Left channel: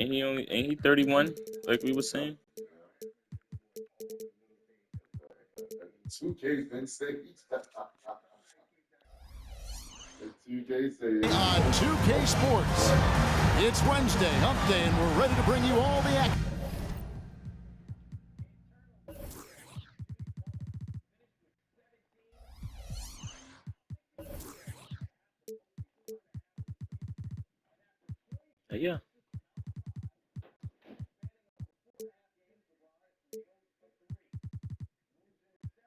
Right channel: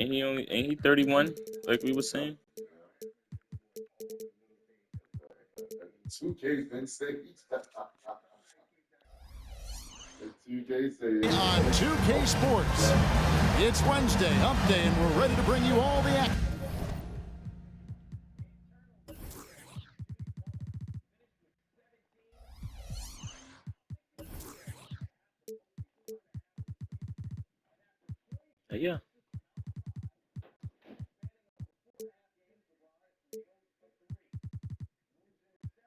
Ain't he 31, like we were saying? 2K's been sick. On 2K Sports. It's Wednesday, hump day, and we're ready to bring you all the action. Yeah.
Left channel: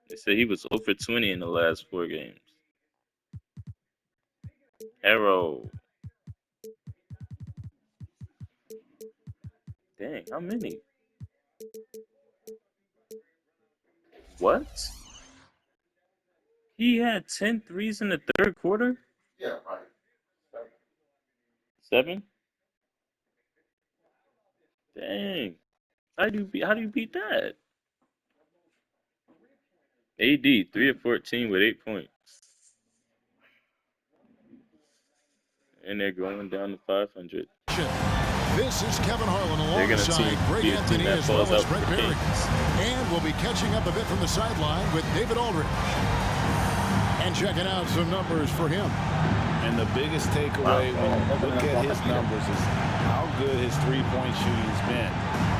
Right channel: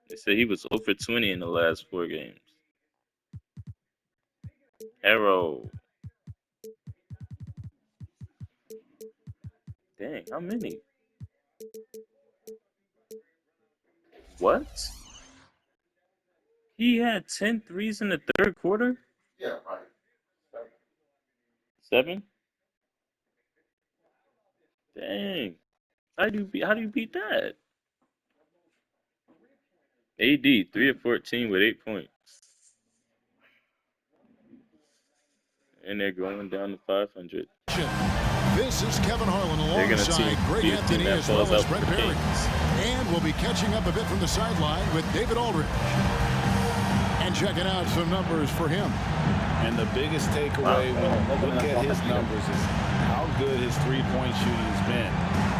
They said he was over 20 in the last 4 games. Arrow. Dang, how many? What? He had 10 threes in the third quarter? Yeah, right. 7? Dang. How do you beat that? AD 3 of 14 with 8 points. And they're going down to 500. This is Kevin Harlan alongside Greg Anthony as well as Brett Barry. And we'll be catching up a bit from the sideline with David Aldridge. And checking out some numbers for him. And the biggest takeaway when you look at his numbers is how good his three-point shooting has been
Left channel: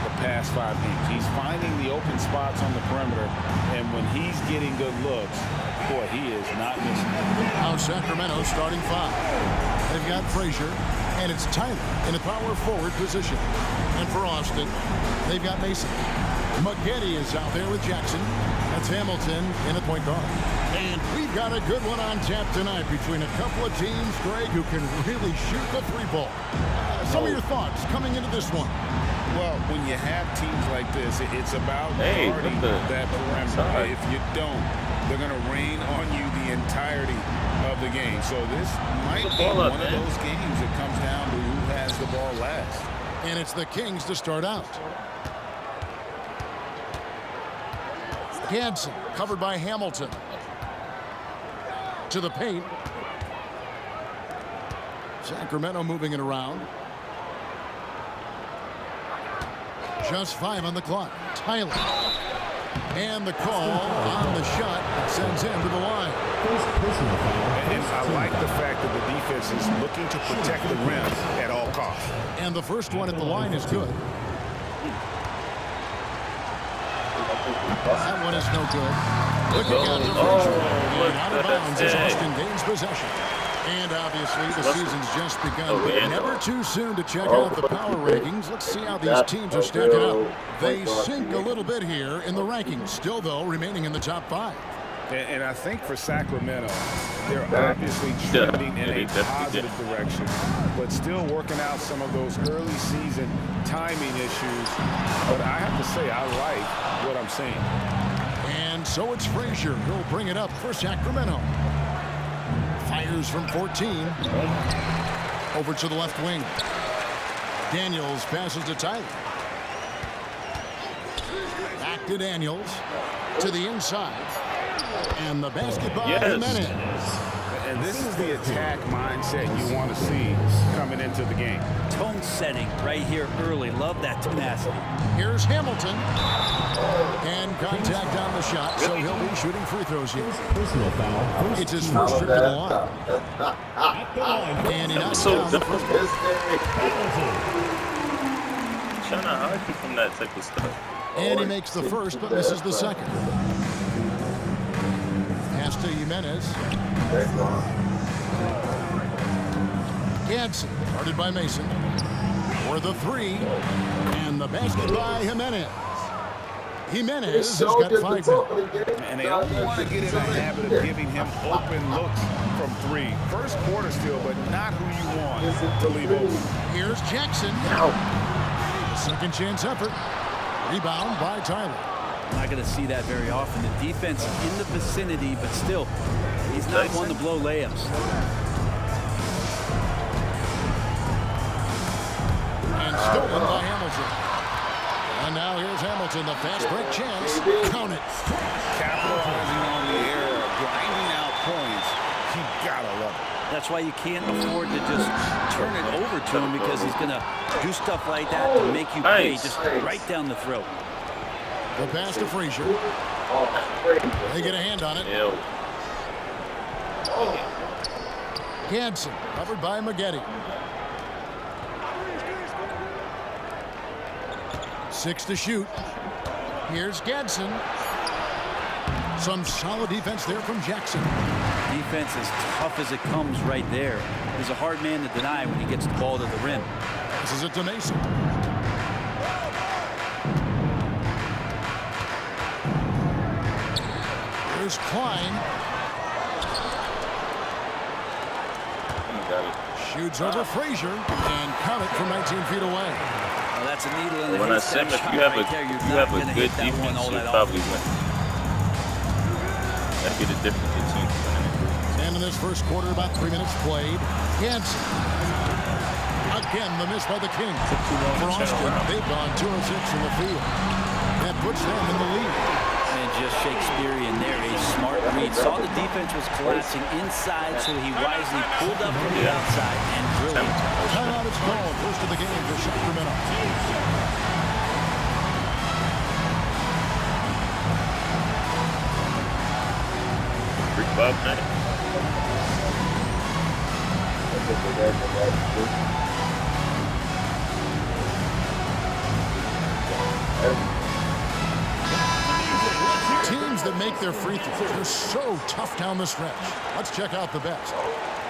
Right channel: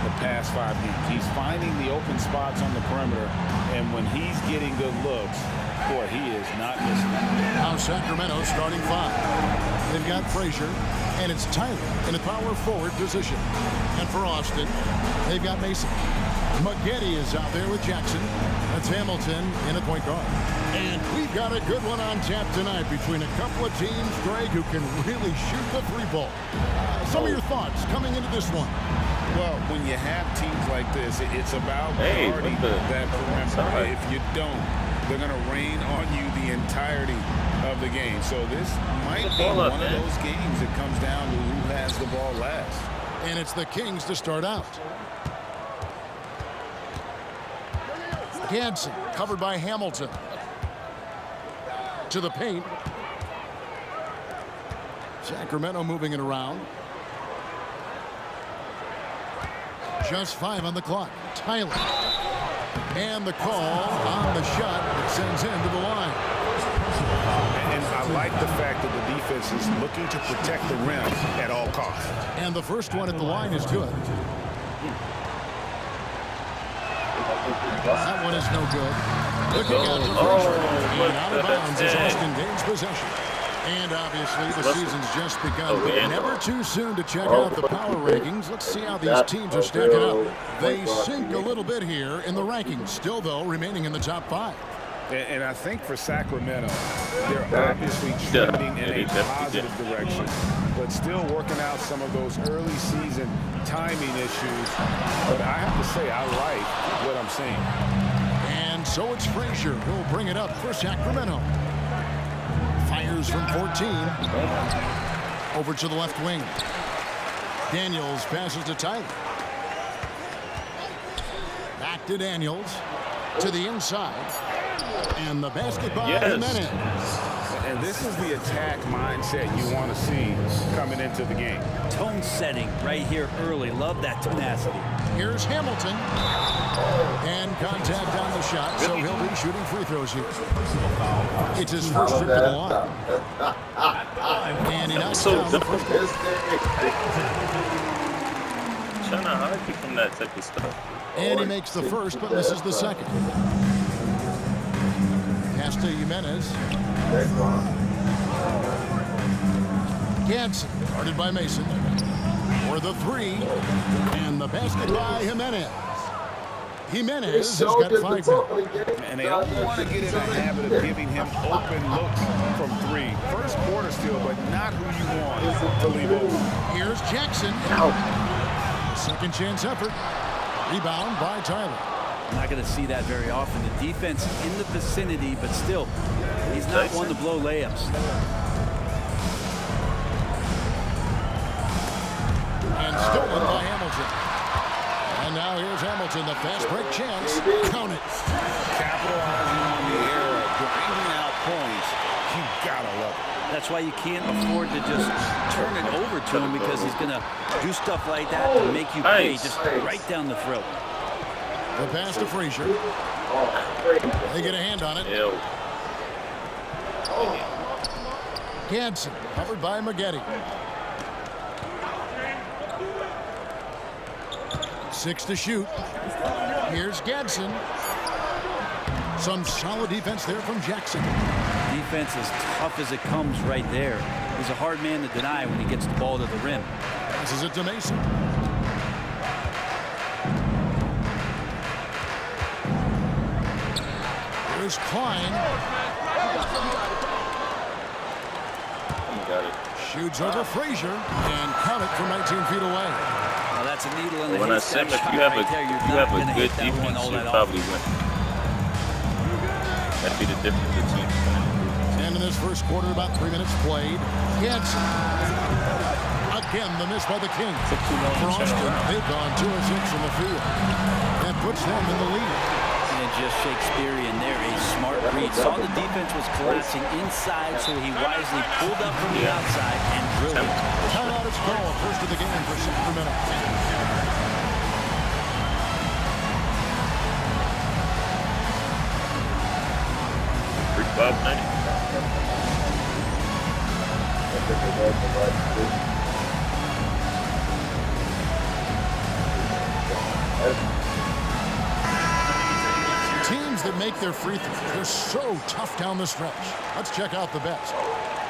the past 5 games. He's finding the open spots on the perimeter, and when he's getting good looks, boy, he is not missing. Now Sacramento starting 5. They've got Frazier, and it's Tyler in a power forward position. And for Austin, they've got Mason. Maggette is out there with Jackson. That's Hamilton in at point guard. And we've got a good one on tap tonight between a couple of teams, Greg, who can really shoot the three ball. Some of your thoughts coming into this one. Well, when you have teams like this, it's about guarding that perimeter. If you don't, they're going to rain on you the entirety of the game. So this might be one of those games that comes down to who has the ball last. And it's the Kings to start out. Gadsden covered by Hamilton. To the paint. Sacramento moving it around. Just 5 on the clock. Tyler. And the call on the shot that sends him to the line. And I like the fact that the defense is looking to protect the rim at all costs. And the first one at the line is good. That one is no good. Looking out to Frazier. And out of bounds as Austin gains possession. And obviously the season's just begun, but never too soon to check out the power rankings. Let's see how these teams are stacking up. They sink a little bit here in the rankings, still though remaining in the top 5. And I think for Sacramento, they're obviously trending in a positive direction, but still working out some of those early season timing issues. But I have to say, I like what I'm seeing. And so it's Frazier who'll bring it up for Sacramento. Fires from 14. Over to the left wing. Daniels passes to Tyler. Back to Daniels. To the inside. And the basket by Jimenez. And this is the attack mindset you want to see coming into the game. Tone setting right here early. Love that tenacity. Here's Hamilton. And contact on the shot, so he'll be shooting free throws here. It's his first trip to the line. And he knocks down the first one. Trying to hide you from that type of stuff. And he makes the first, but misses the second. Pass to Jimenez. Gadsden, guarded by Mason. For the 3. And the basket by Jimenez. Jimenez has got 5 now. And they don't want to get in a habit of giving him open looks from 3. First quarter still, but not who you want to leave open. Here's Jackson. A second chance effort. Rebound by Tyler. I'm not going to see that very often. The defense in the vicinity, but still, he's not one to blow layups. And stolen by Hamilton. And now here's Hamilton, the fast break chance. Count it. Capitalizing on the error, grinding out points. You gotta love it. That's why you can't afford to just turn it over to him, because he's going to do stuff like that to make you pay just right down the throat. The pass to Frazier. They get a hand on it. Gadsden covered by Maggette. 6 to shoot. Here's Gadsden. Some solid defense there from Jackson. Defense as tough as it comes right there. He's a hard man to deny when he gets the ball to the rim. Passes it to Mason. Here's Klein. Got it. Shoots over Frazier and count it from 19 feet away. Well, that's a needle in the haystack if shot you have right there. You're not going to hit that one all that often. Win. That'd be the difference between winning and losing. And in this first quarter, about 3 minutes played. Gadsden. Again, the miss by the Kings. For Austin, they've gone 2 of 6 in the field. That puts them in the lead. And just Shakespearean there, a smart read. Saw the defense was collapsing inside, so he wisely pulled up from the outside and drilled it. Timeout is called. First of the game for Sacramento. Freak Bob night. Teams that make their free throws, they're so tough down the stretch. Let's check out the best.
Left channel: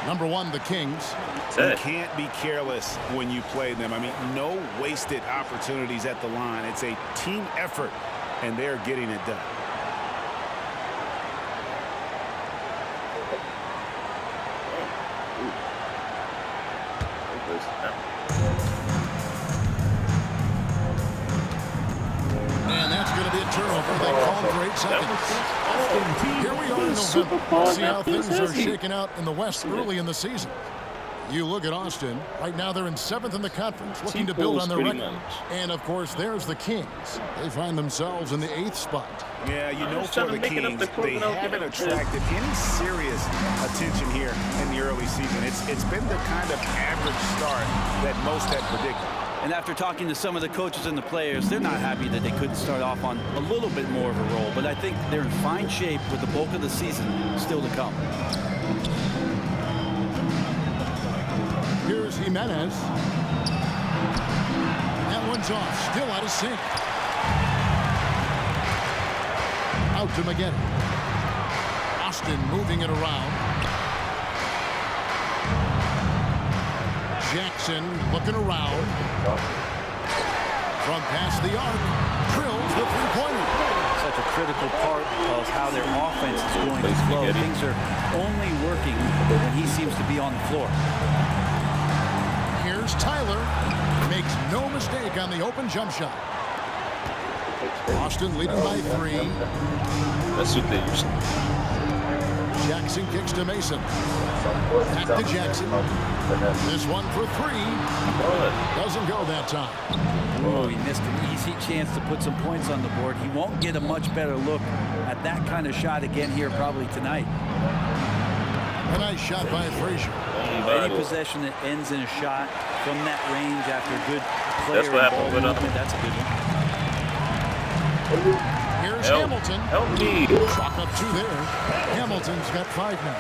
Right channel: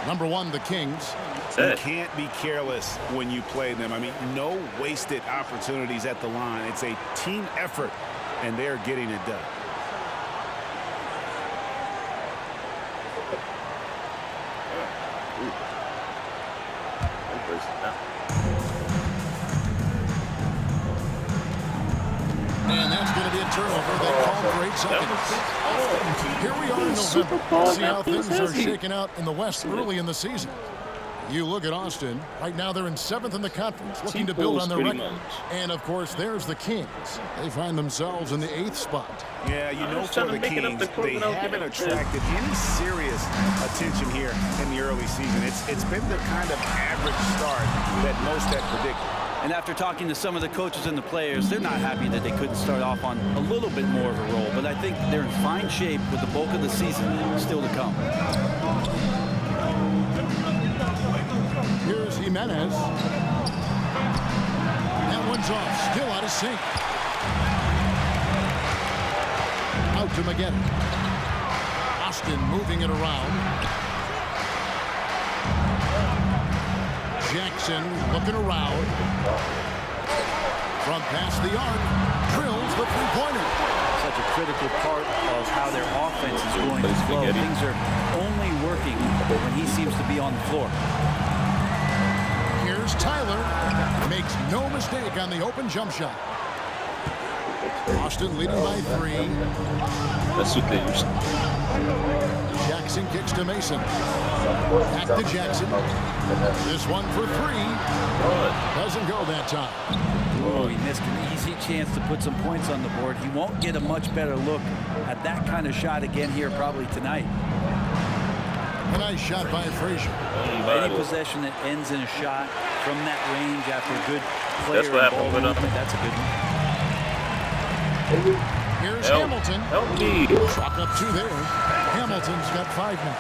Number 1, the Kings. You can't be careless when you play them. I mean, no wasted opportunities at the line. It's a team effort, and they're getting it done. And that's going to be a turnover. They called for 8 seconds. Here we are in November. Let's see how things are shaking out in the West early in the season. You look at Austin. Right now they're in 7th in the conference, looking to build on their record. And, of course, there's the Kings. They find themselves in the 8th spot. Yeah, you know, for the Kings, they haven't attracted any serious attention here in the early season. It's been the kind of average start that most had predicted. And after talking to some of the coaches and the players, they're not happy that they couldn't start off on a little bit more of a roll. But I think they're in fine shape with the bulk of the season still to come. Here's Jimenez. That one's off. Still out of sync. Out to Maggette. Austin moving it around. Jackson looking around. From past the arc, drills the three-pointer. Such a critical part of how their offense is going to flow. Things are only working when he seems to be on the floor. Here's Tyler. Makes no mistake on the open jump shot. Austin leading by 3. That's what they used to. Jackson kicks to Mason. Back to Jackson. This one for 3. Doesn't go that time. Oh, he missed an easy chance to put some points on the board. He won't get a much better look at that kind of shot again here probably tonight. A nice shot by Frazier. Any possession that ends in a shot from that range after a good player and ball movement, that's a good one. Here's Hamilton. Help me. Chalk up 2 there. Hamilton's got 5 now.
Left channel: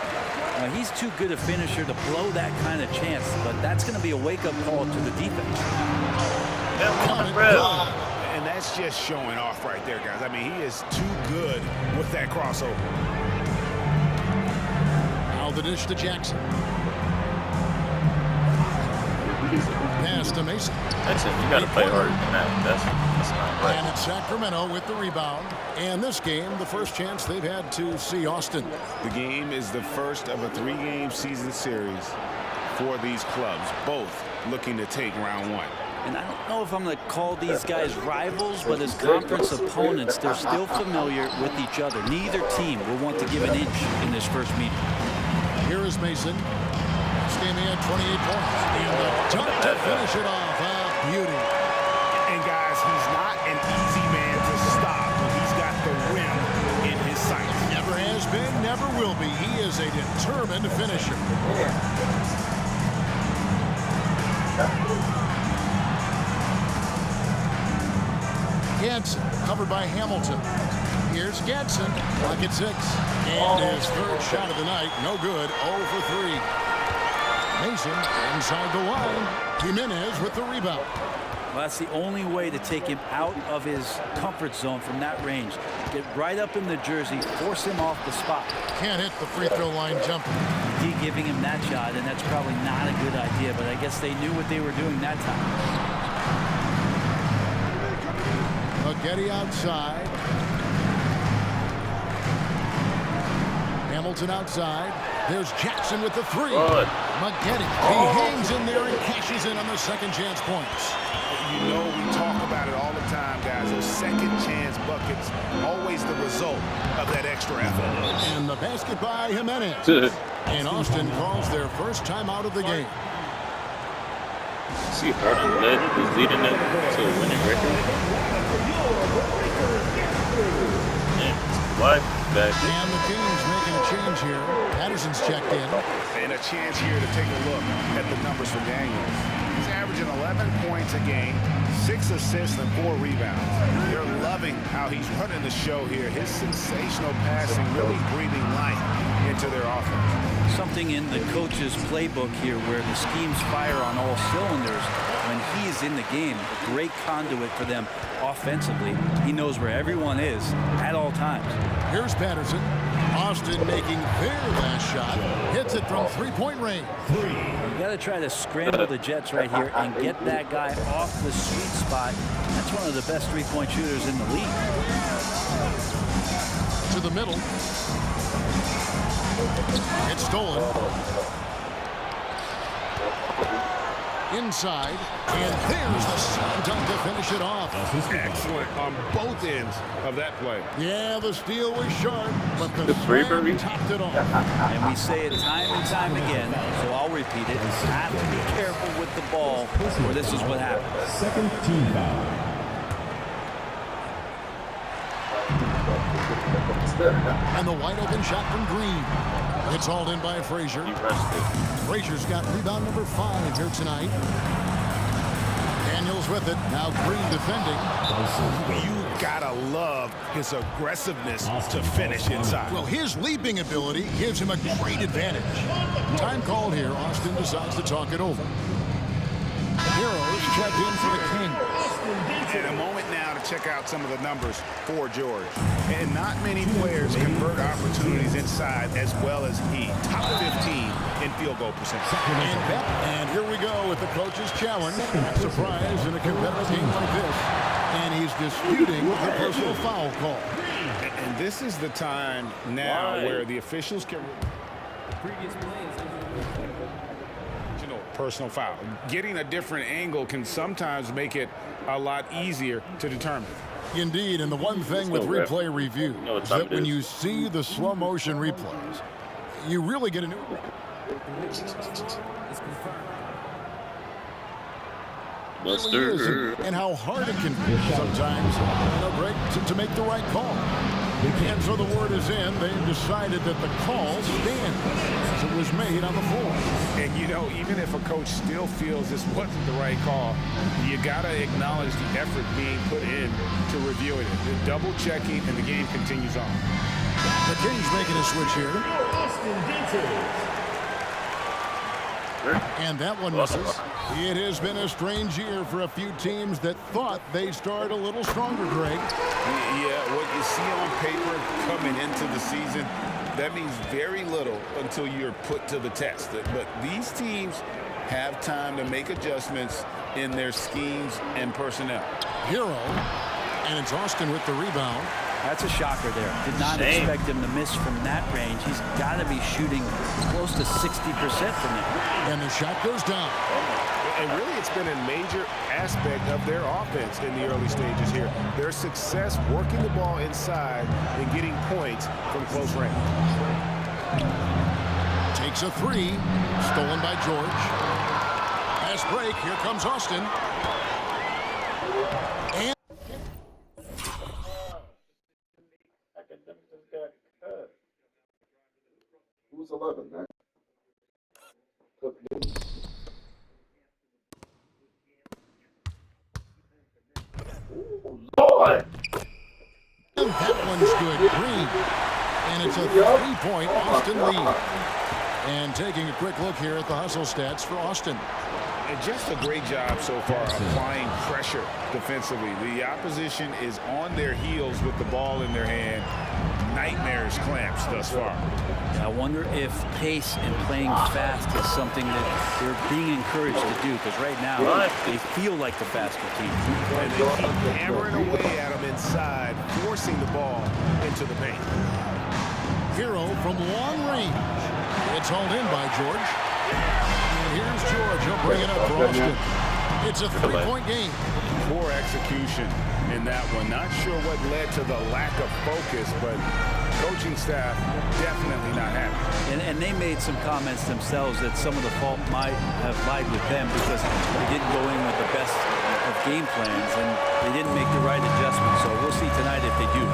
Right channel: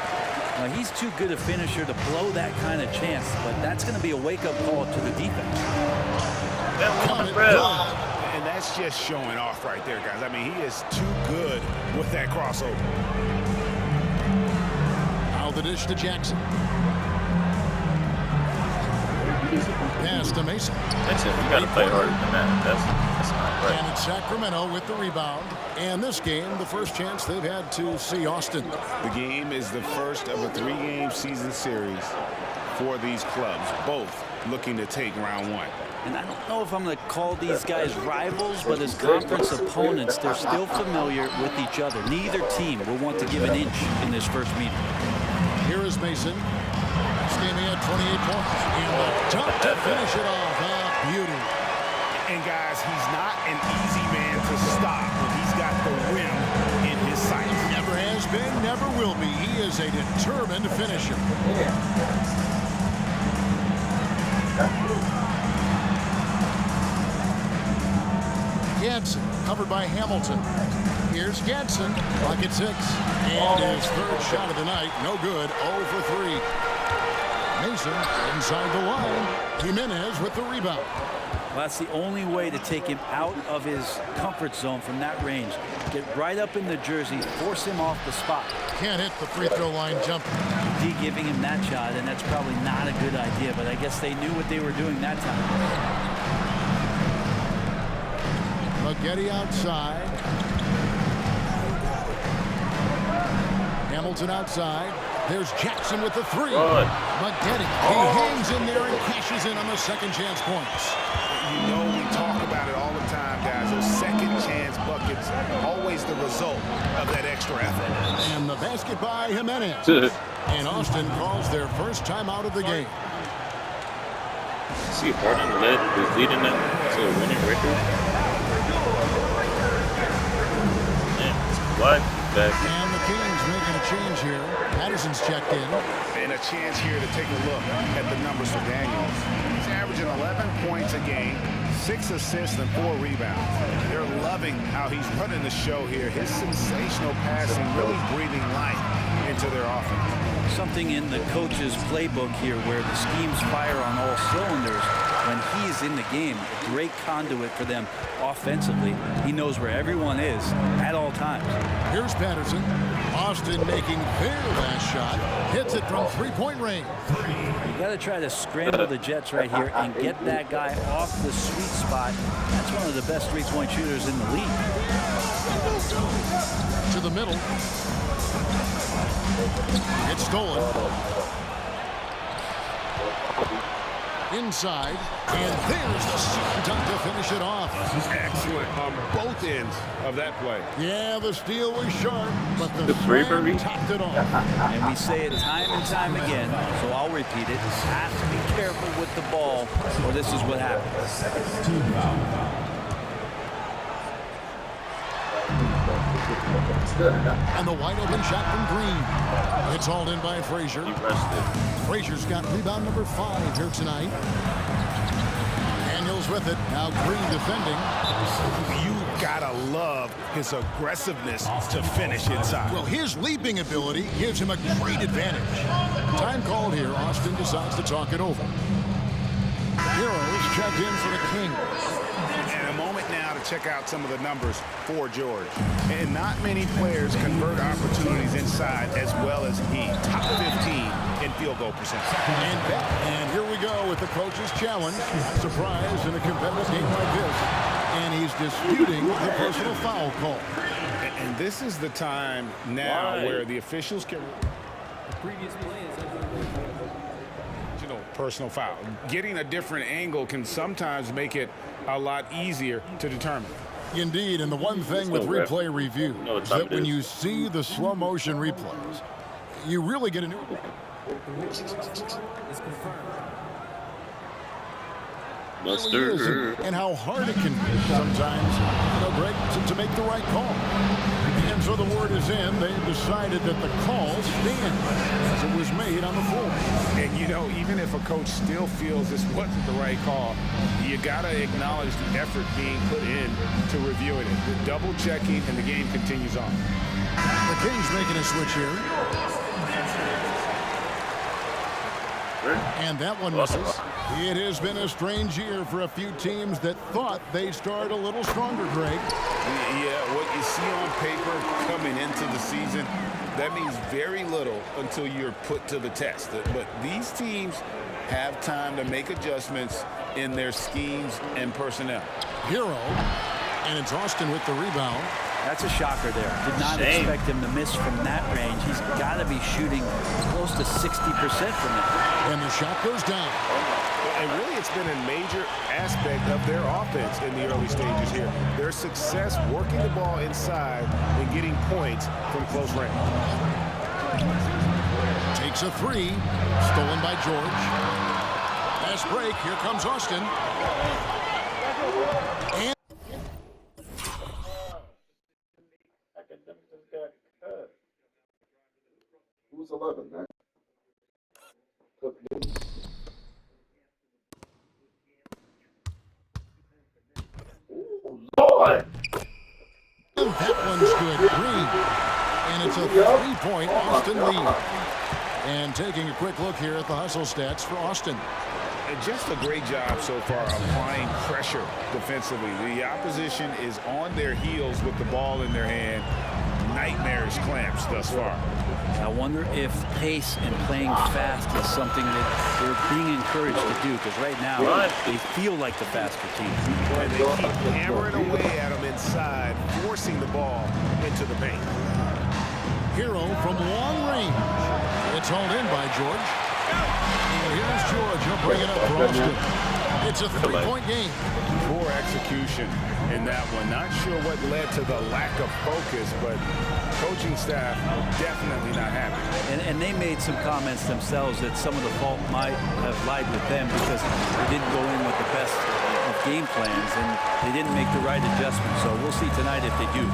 Well, he's too good a finisher to blow that kind of chance, but that's going to be a wake-up call to the defense. And that's just showing off right there, guys. I mean, he is too good with that crossover. Now the dish to Jackson. Pass to Mason. That's it. You got to play harder than that. That's not right. And it's Sacramento with the rebound. And this game, the first chance they've had to see Austin. The game is the first of a 3-game season series for these clubs, both looking to take round 1. And I don't know if I'm going to call these guys rivals, but as conference opponents, they're still familiar with each other. Neither team will want to give an inch in this first meeting. Here is Mason. This game he had 28 points. And the dunk to finish it off. A beauty. And, guys, he's not an easy man to stop when he's got the rim in his sights. Never has been, never will be. He is a determined finisher. Gadsden covered by Hamilton. Here's Gadsden, pocket 6. And his third shot of the night, no good, 0 for 3. Mason inside the line. Jimenez with the rebound. Well, that's the only way to take him out of his comfort zone from that range. Get right up in the jersey, force him off the spot. Can't hit the free throw line jumper. D giving him that shot, and that's probably not a good idea, but I guess they knew what they were doing that time. Maggette outside. Hamilton outside. There's Jackson with the 3. Maggette, he hangs in there and cashes in on the second chance points. You know, we talk about it all the time, guys. Those second chance buckets, always the result of that extra effort. And the basket by Jimenez. And Austin calls their first time out of the game. See, Harden is leading them to a winning record. Man, Kawhi back. And the Kings making a change here. Patterson's checked in. And a chance here to take a look at the numbers for Daniels. He's averaging 11 points a game, 6 assists and 4 rebounds. They're loving how he's running the show here. His sensational passing really breathing life into their offense. Something in the coach's playbook here where the schemes fire on all cylinders. When he is in the game, a great conduit for them offensively. He knows where everyone is at all times. Here's Patterson. Austin making their last shot. Hits it from three-point range. You got to try to scramble the Jets right here and get that guy off the sweet spot. That's one of the best three-point shooters in the league. To the middle. It's stolen. Inside, and there's the slam dunk to finish it off. Excellent on both ends of that play. Yeah, the steal was sharp, but the slam topped it off. And we say it time and time again, so I'll repeat it. Have to be careful with the ball, or this is what happens. Second team foul. And the wide open shot from Green. It's hauled in by Frazier. Frazier's got rebound number 5 here tonight. Daniels with it. Now Green defending. You gotta love his aggressiveness to finish inside. Well, his leaping ability gives him a great advantage. Time called here. Austin decides to talk it over. Heroes checked in for the Kings. And a moment now to check out some of the numbers for George. And not many players convert opportunities inside as well as he. Top 15 in field goal percentage. And here we go with the coach's challenge. Not surprised in a competitive game like this. And he's disputing the personal foul call. And this is the time now where the officials can... The previous play is personal foul. Getting a different angle can sometimes make it a lot easier to determine. Indeed, and the one thing with replay review is that when you see the slow motion replays, you really get a new... It's confirmed. Really and how hard it can be sometimes, Greg, to make the right call. And so the word is in. They've decided that the call stands as it was made on the floor. And, even if a coach still feels this wasn't the right call, you got to acknowledge the effort being put in to reviewing it. The double checking, and the game continues on. The Kings making a switch here. And that one misses. It has been a strange year for a few teams that thought they'd start a little stronger, Greg. Yeah, what you see on paper coming into the season, that means very little until you're put to the test. But these teams have time to make adjustments in their schemes and personnel. Hero, and it's Austin with the rebound. That's a shocker there. Did not expect him to miss from that range. He's got to be shooting close to 60% from there. And the shot goes down. And really, it's been a major aspect of their offense in the early stages here. Their success working the ball inside and getting points from close range. Takes a 3. Stolen by George. Fast break. Here comes Austin. And Who's 11, man? Lord! that one's good. Green. And it's a 3-point Austin lead. And taking a quick look here at the hustle stats for Austin. And just a great job so far applying pressure defensively. The opposition is on their heels with the ball in their hand. Nightmares clamps thus far. I wonder if pace and playing fast is something that they're being encouraged to do, because right now they feel like the faster team. And they keep hammering away at them inside, forcing the ball into the paint. Hero from long range. It's hauled in by George. And here's George. He'll bring it up for Austin. It's a 3-point game. Poor execution in that one. Not sure what led to the lack of focus, but coaching staff definitely not happy. And they made some comments themselves that some of the fault might have lied with them because they didn't go in with the best of game plans and they didn't make the right adjustments. So we'll see tonight if they do.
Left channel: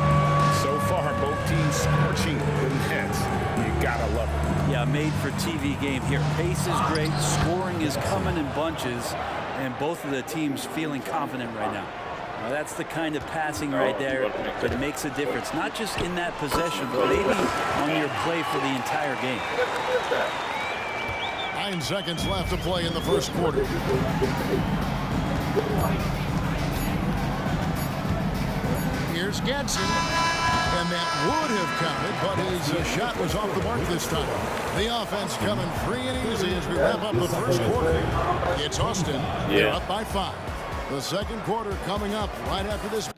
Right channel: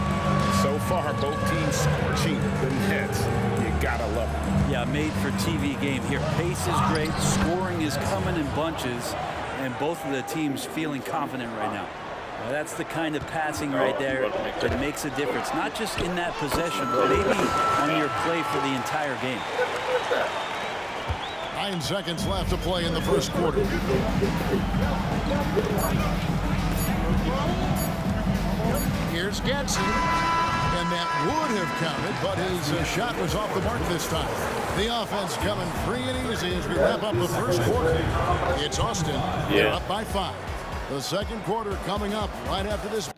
So far, both teams scorching the nets. You gotta love it. Yeah, made for TV game here. Pace is great, scoring is coming in bunches, and both of the teams feeling confident right now. Well, that's the kind of passing right there that makes a difference, not just in that possession, but maybe on your play for the entire game. 9 seconds left to play in the first quarter. Here's Gadsden, and that would have counted, but his shot was off the mark this time. The offense coming free and easy as we wrap up the first quarter. It's Austin. They're up by 5. The second quarter coming up right after this.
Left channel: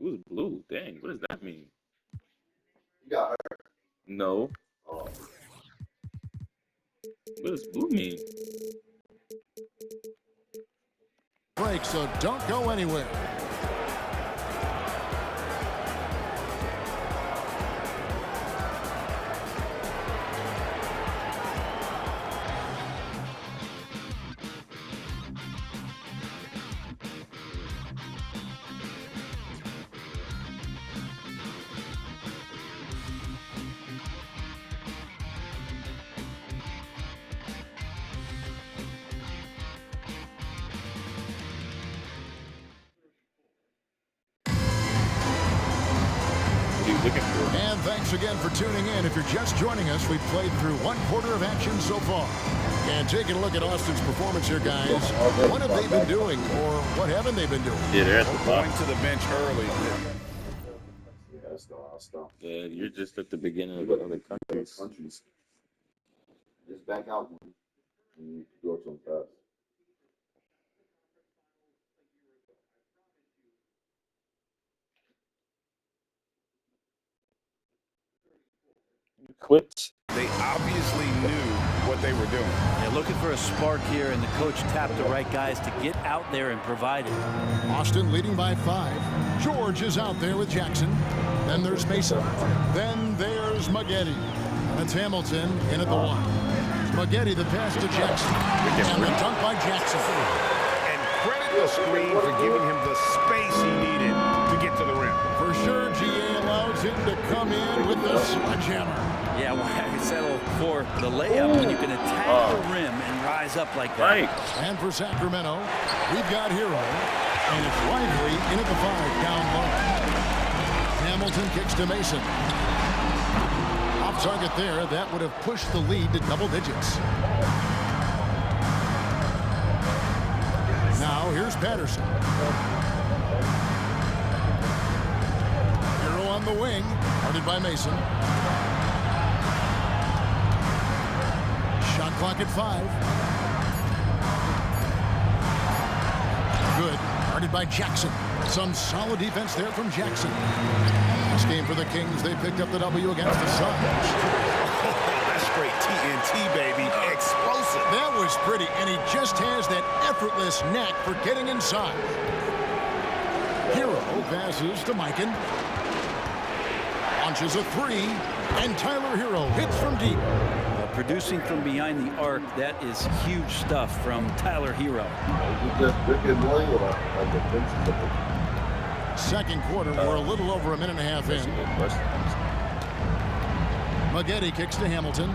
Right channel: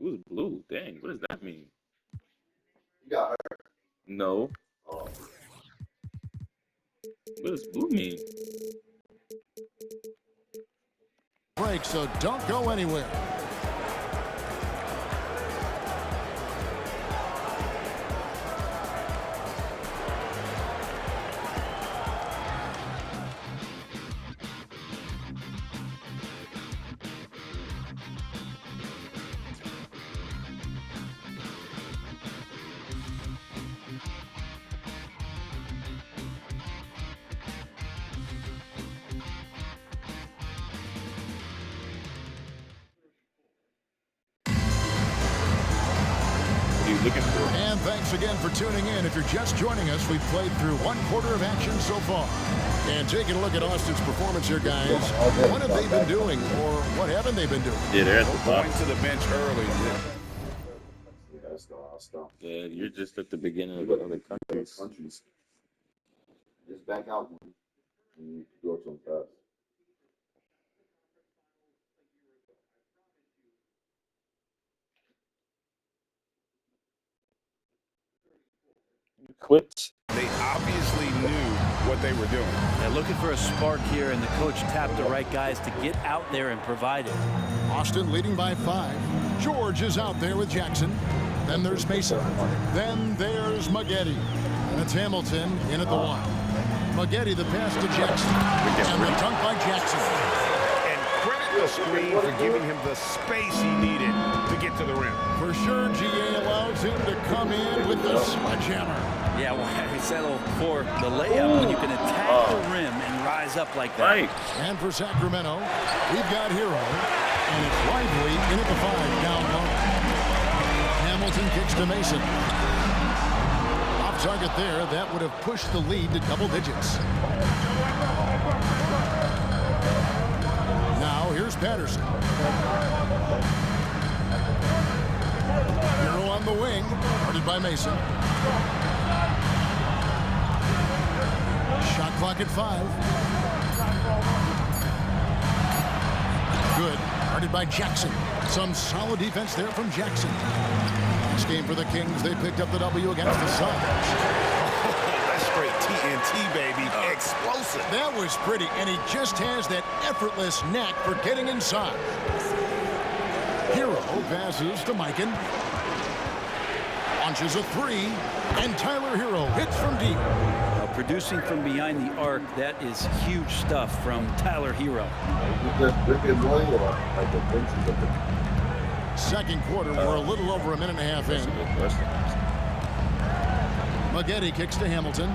Ooh, blue. Dang, what does that mean? You got hurt. No. Oh. What does blue mean? Break, so don't go anywhere. Looking for. And thanks again for tuning in. If you're just joining us, we've played through 1 quarter of action so far. And taking a look at Austin's performance here, guys. What have they been doing, or what haven't they been doing? Yeah, they're at the Going to the bench early. Yeah, you're just at the beginning of the other countries. Just back out one. And you go to them fast. Quit. They obviously knew what they were doing. Yeah, looking for a spark here, and the coach tapped the right guys to get out there and provide it. Austin leading by 5. George is out there with Jackson. Then there's Mason. Then there's Maggette. And it's Hamilton in at the 1. Maggette the pass to Jackson. And the dunk by Jackson. And credit the screen for giving him the space he needed to get to the rim. For sure, GA allows him to come in with the sledgehammer. Yeah, why settle for the layup when you can attack the rim and rise up like that? Right. And for Sacramento, we've got Hero. And it's Lively in at the 5, down low. Hamilton kicks to Mason. Off target there, that would have pushed the lead to double digits. Now here's Patterson. Hero on the wing, guarded by Mason. Shot clock at 5. Good, guarded by Jackson. Some solid defense there from Jackson. Last game for the Kings, they picked up the W against the Suns. Oh, that's straight TNT, baby. Explosive. That was pretty, and he just has that effortless knack for getting inside. Hero passes to Mikan. Launches a 3, and Tyler Hero hits from deep. producing from behind the arc, that is huge stuff from Tyler Hero. Second quarter, we're a little over a minute and a half in. Maggette kicks to Hamilton.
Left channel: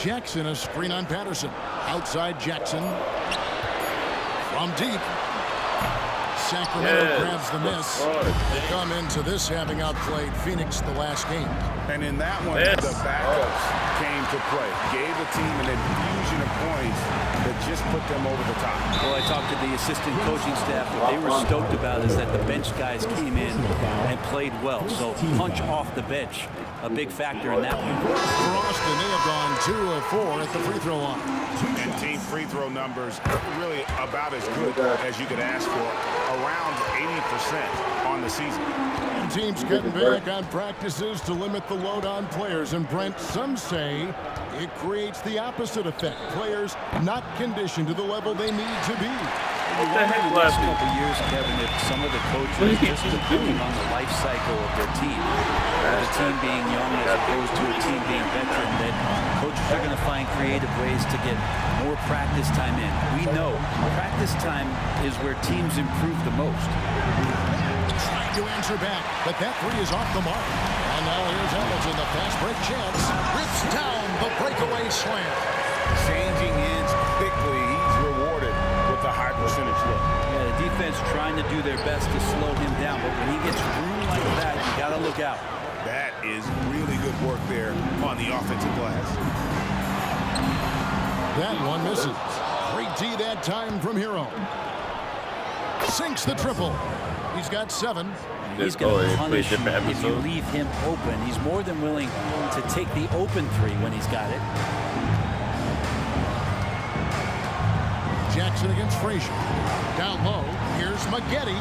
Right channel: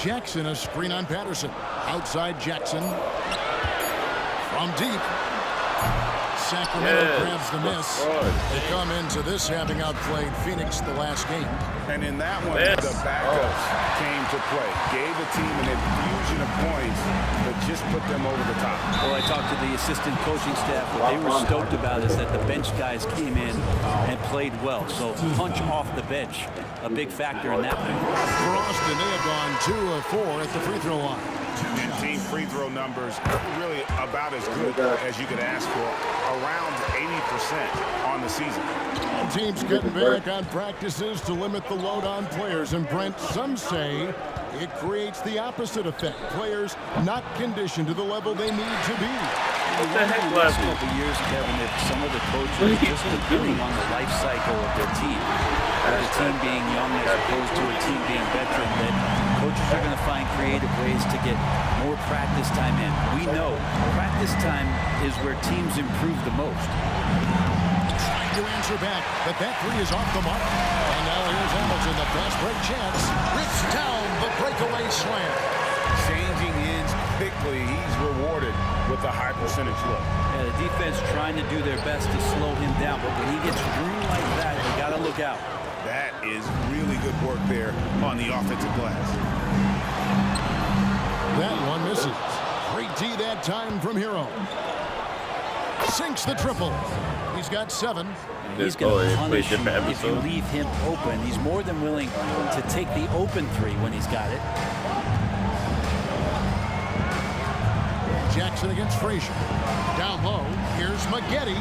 Jackson, a screen on Patterson. Outside Jackson. From deep. Sacramento grabs the miss. They come into this having outplayed Phoenix the last game. And in that one, the backups came to play. Gave the team an infusion of points that just put them over the top. Well, I talked to the assistant coaching staff. What they were stoked about is that the bench guys came in and played well. So punch off the bench, a big factor in that one. For Austin, they have gone 2 of 4 at the free throw line. And team free throw numbers really about as good as you could ask for. Around 80% on the season. Teams getting back on practices to limit the load on players. And Brent, some say it creates the opposite effect. Players not conditioned to the level they need to be. In the last couple years, Kevin, if some of the coaches, just depending on the life cycle of their team, or the team being young as opposed to a team being veteran, that coaches are going to find creative ways to get more practice time in. We know practice time is where teams improve the most. Trying to answer back, but that three is off the mark. And now here's Hamilton, the fast break chance. Rips down the breakaway slam. Changing ends quickly. He's rewarded with a high percentage look. Yeah, the defense trying to do their best to slow him down, but when he gets room like that, you got to look out. That is really good work there on the offensive glass. That one misses. Great D that time from Hero. Sinks the triple. He's got 7. And he's going to punish you if you leave him open. He's more than willing to take the open 3 when he's got it. Jackson against Frazier. Down low, here's Maggette.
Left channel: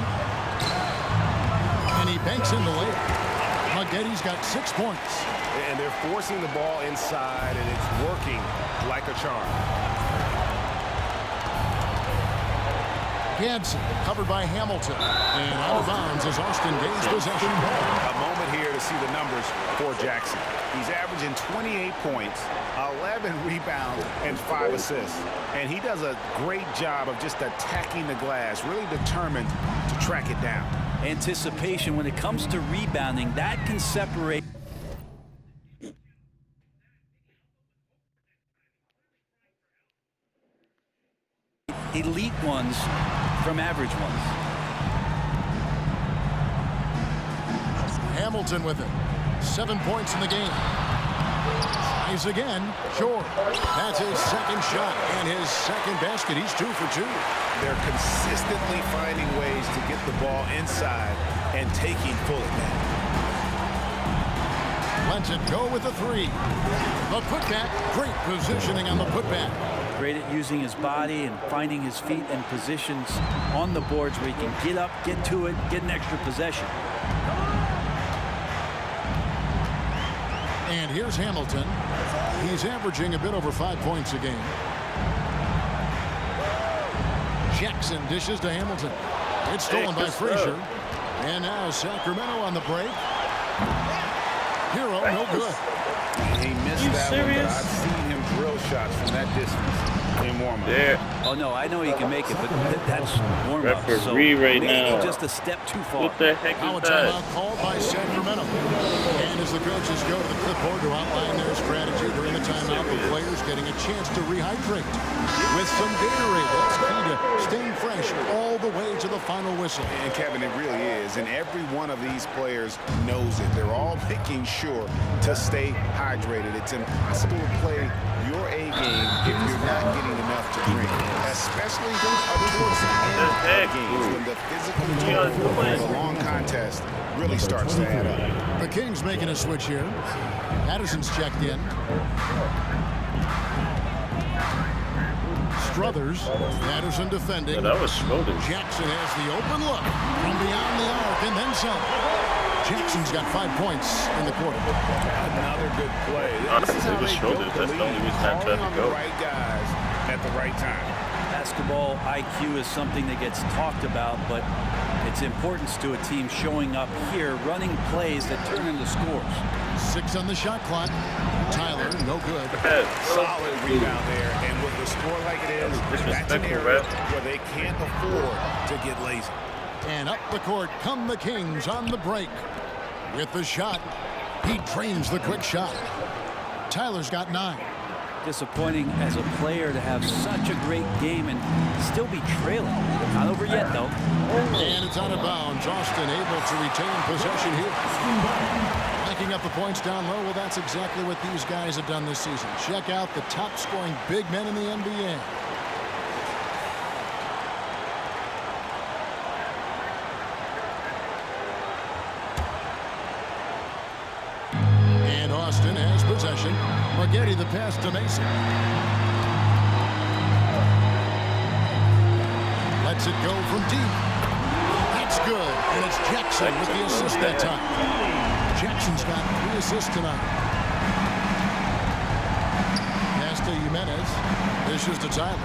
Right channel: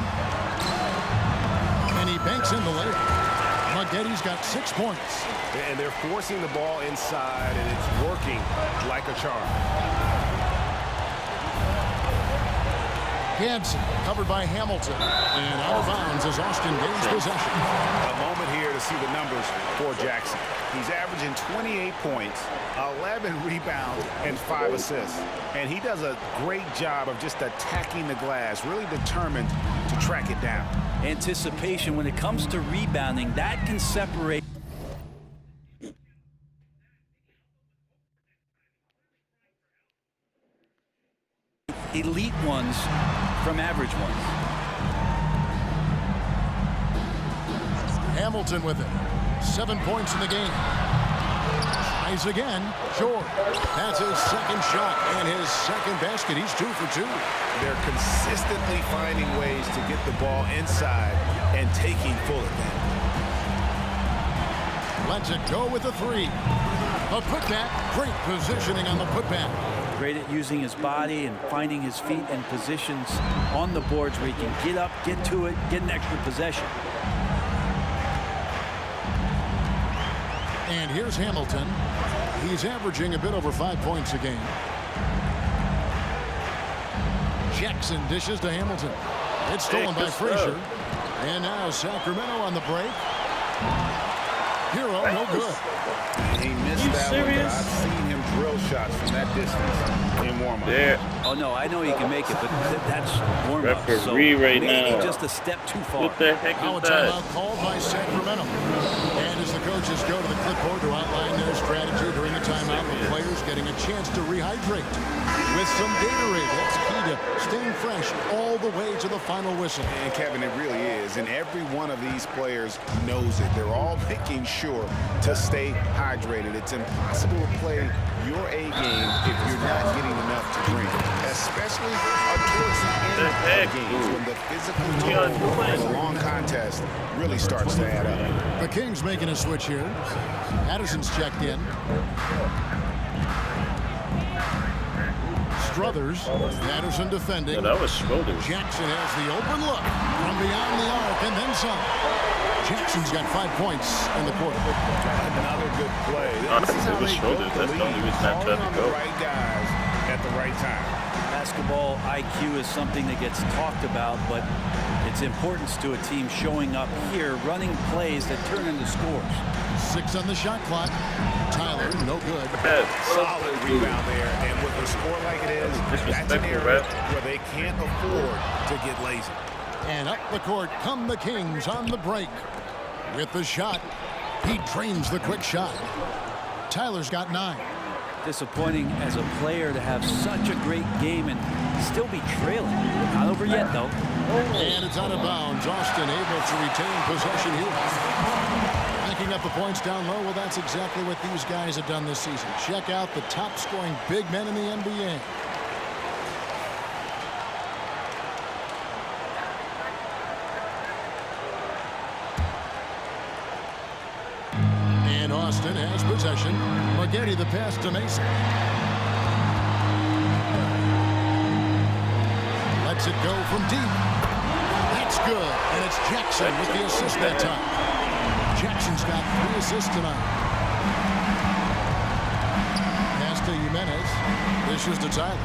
And he banks in the layup. Maggette's got 6 points. And they're forcing the ball inside, and it's working like a charm. Gadsden covered by Hamilton. And out of bounds as Austin gains possession. A moment here to see the numbers for Jackson. He's averaging 28 points, 11 rebounds, and 5 assists. And he does a great job of just attacking the glass, really determined to track it down. Anticipation when it comes to rebounding, that can separate elite ones from average ones. Hamilton with it. 7 points in the game. Tries again. Sure. That's his second shot and his second basket. He's 2 for 2. They're consistently finding ways to get the ball inside and taking full advantage. Lets it go with the 3. The putback. Great positioning on the putback. Great at using his body and finding his feet in positions on the boards where he can get up, get to it, get an extra possession. And here's Hamilton. He's averaging a bit over 5 points a game. Jackson dishes to Hamilton. It's stolen by Frazier. And now Sacramento on the break. Hero, no good. He missed that one, but I've seen him drill shots from that distance in warm-up. Yeah. Oh, no, I know he can make it, but that's warm-up. So right maybe now. just a step too far. What the heck Now a is that? timeout called by Sacramento. And as the coaches go to the clipboard to outline their strategy during the timeout, the players getting a chance to rehydrate with some Gatorade. That's key to staying fresh all the way to the final whistle. And Kevin, it really is. And every one of these players knows it. They're all making sure to stay hydrated. It's impossible to play your A game if you're not getting enough to drink, especially towards the end of games when the physical toll of a long contest really starts to add up. The Kings making a switch here. Patterson's checked in. Struthers, Patterson defending. Yeah, that was Schroeder. Jackson has the open look from beyond the arc and then some. Jackson's got 5 points in the quarter. Another good play. This is how they built the lead, calling on the right guys at the right time. Basketball IQ is something that gets talked about, but It's importance to a team showing up here, running plays that turn into scores. 6 on the shot clock. Tyler, no good. Solid rebound there, and with a score like it is, that's an area where they can't afford to get lazy. And up the court come the Kings on the break. With the shot, he drains the quick shot. Tyler's got 9. Disappointing as a player to have such a great game and still be trailing. Not over yet, though. And it's out of bounds. Austin able to retain possession here. Racking up the points down low. Well, that's exactly what these guys have done this season. Check out the top scoring big men in the NBA. And Austin has possession. Maggette the pass to Mason. Lets it go from deep. That's good. And it's Jackson with the assist that time. Jackson's got 3 assists tonight. Pass to Jimenez. Dishes to Tyler.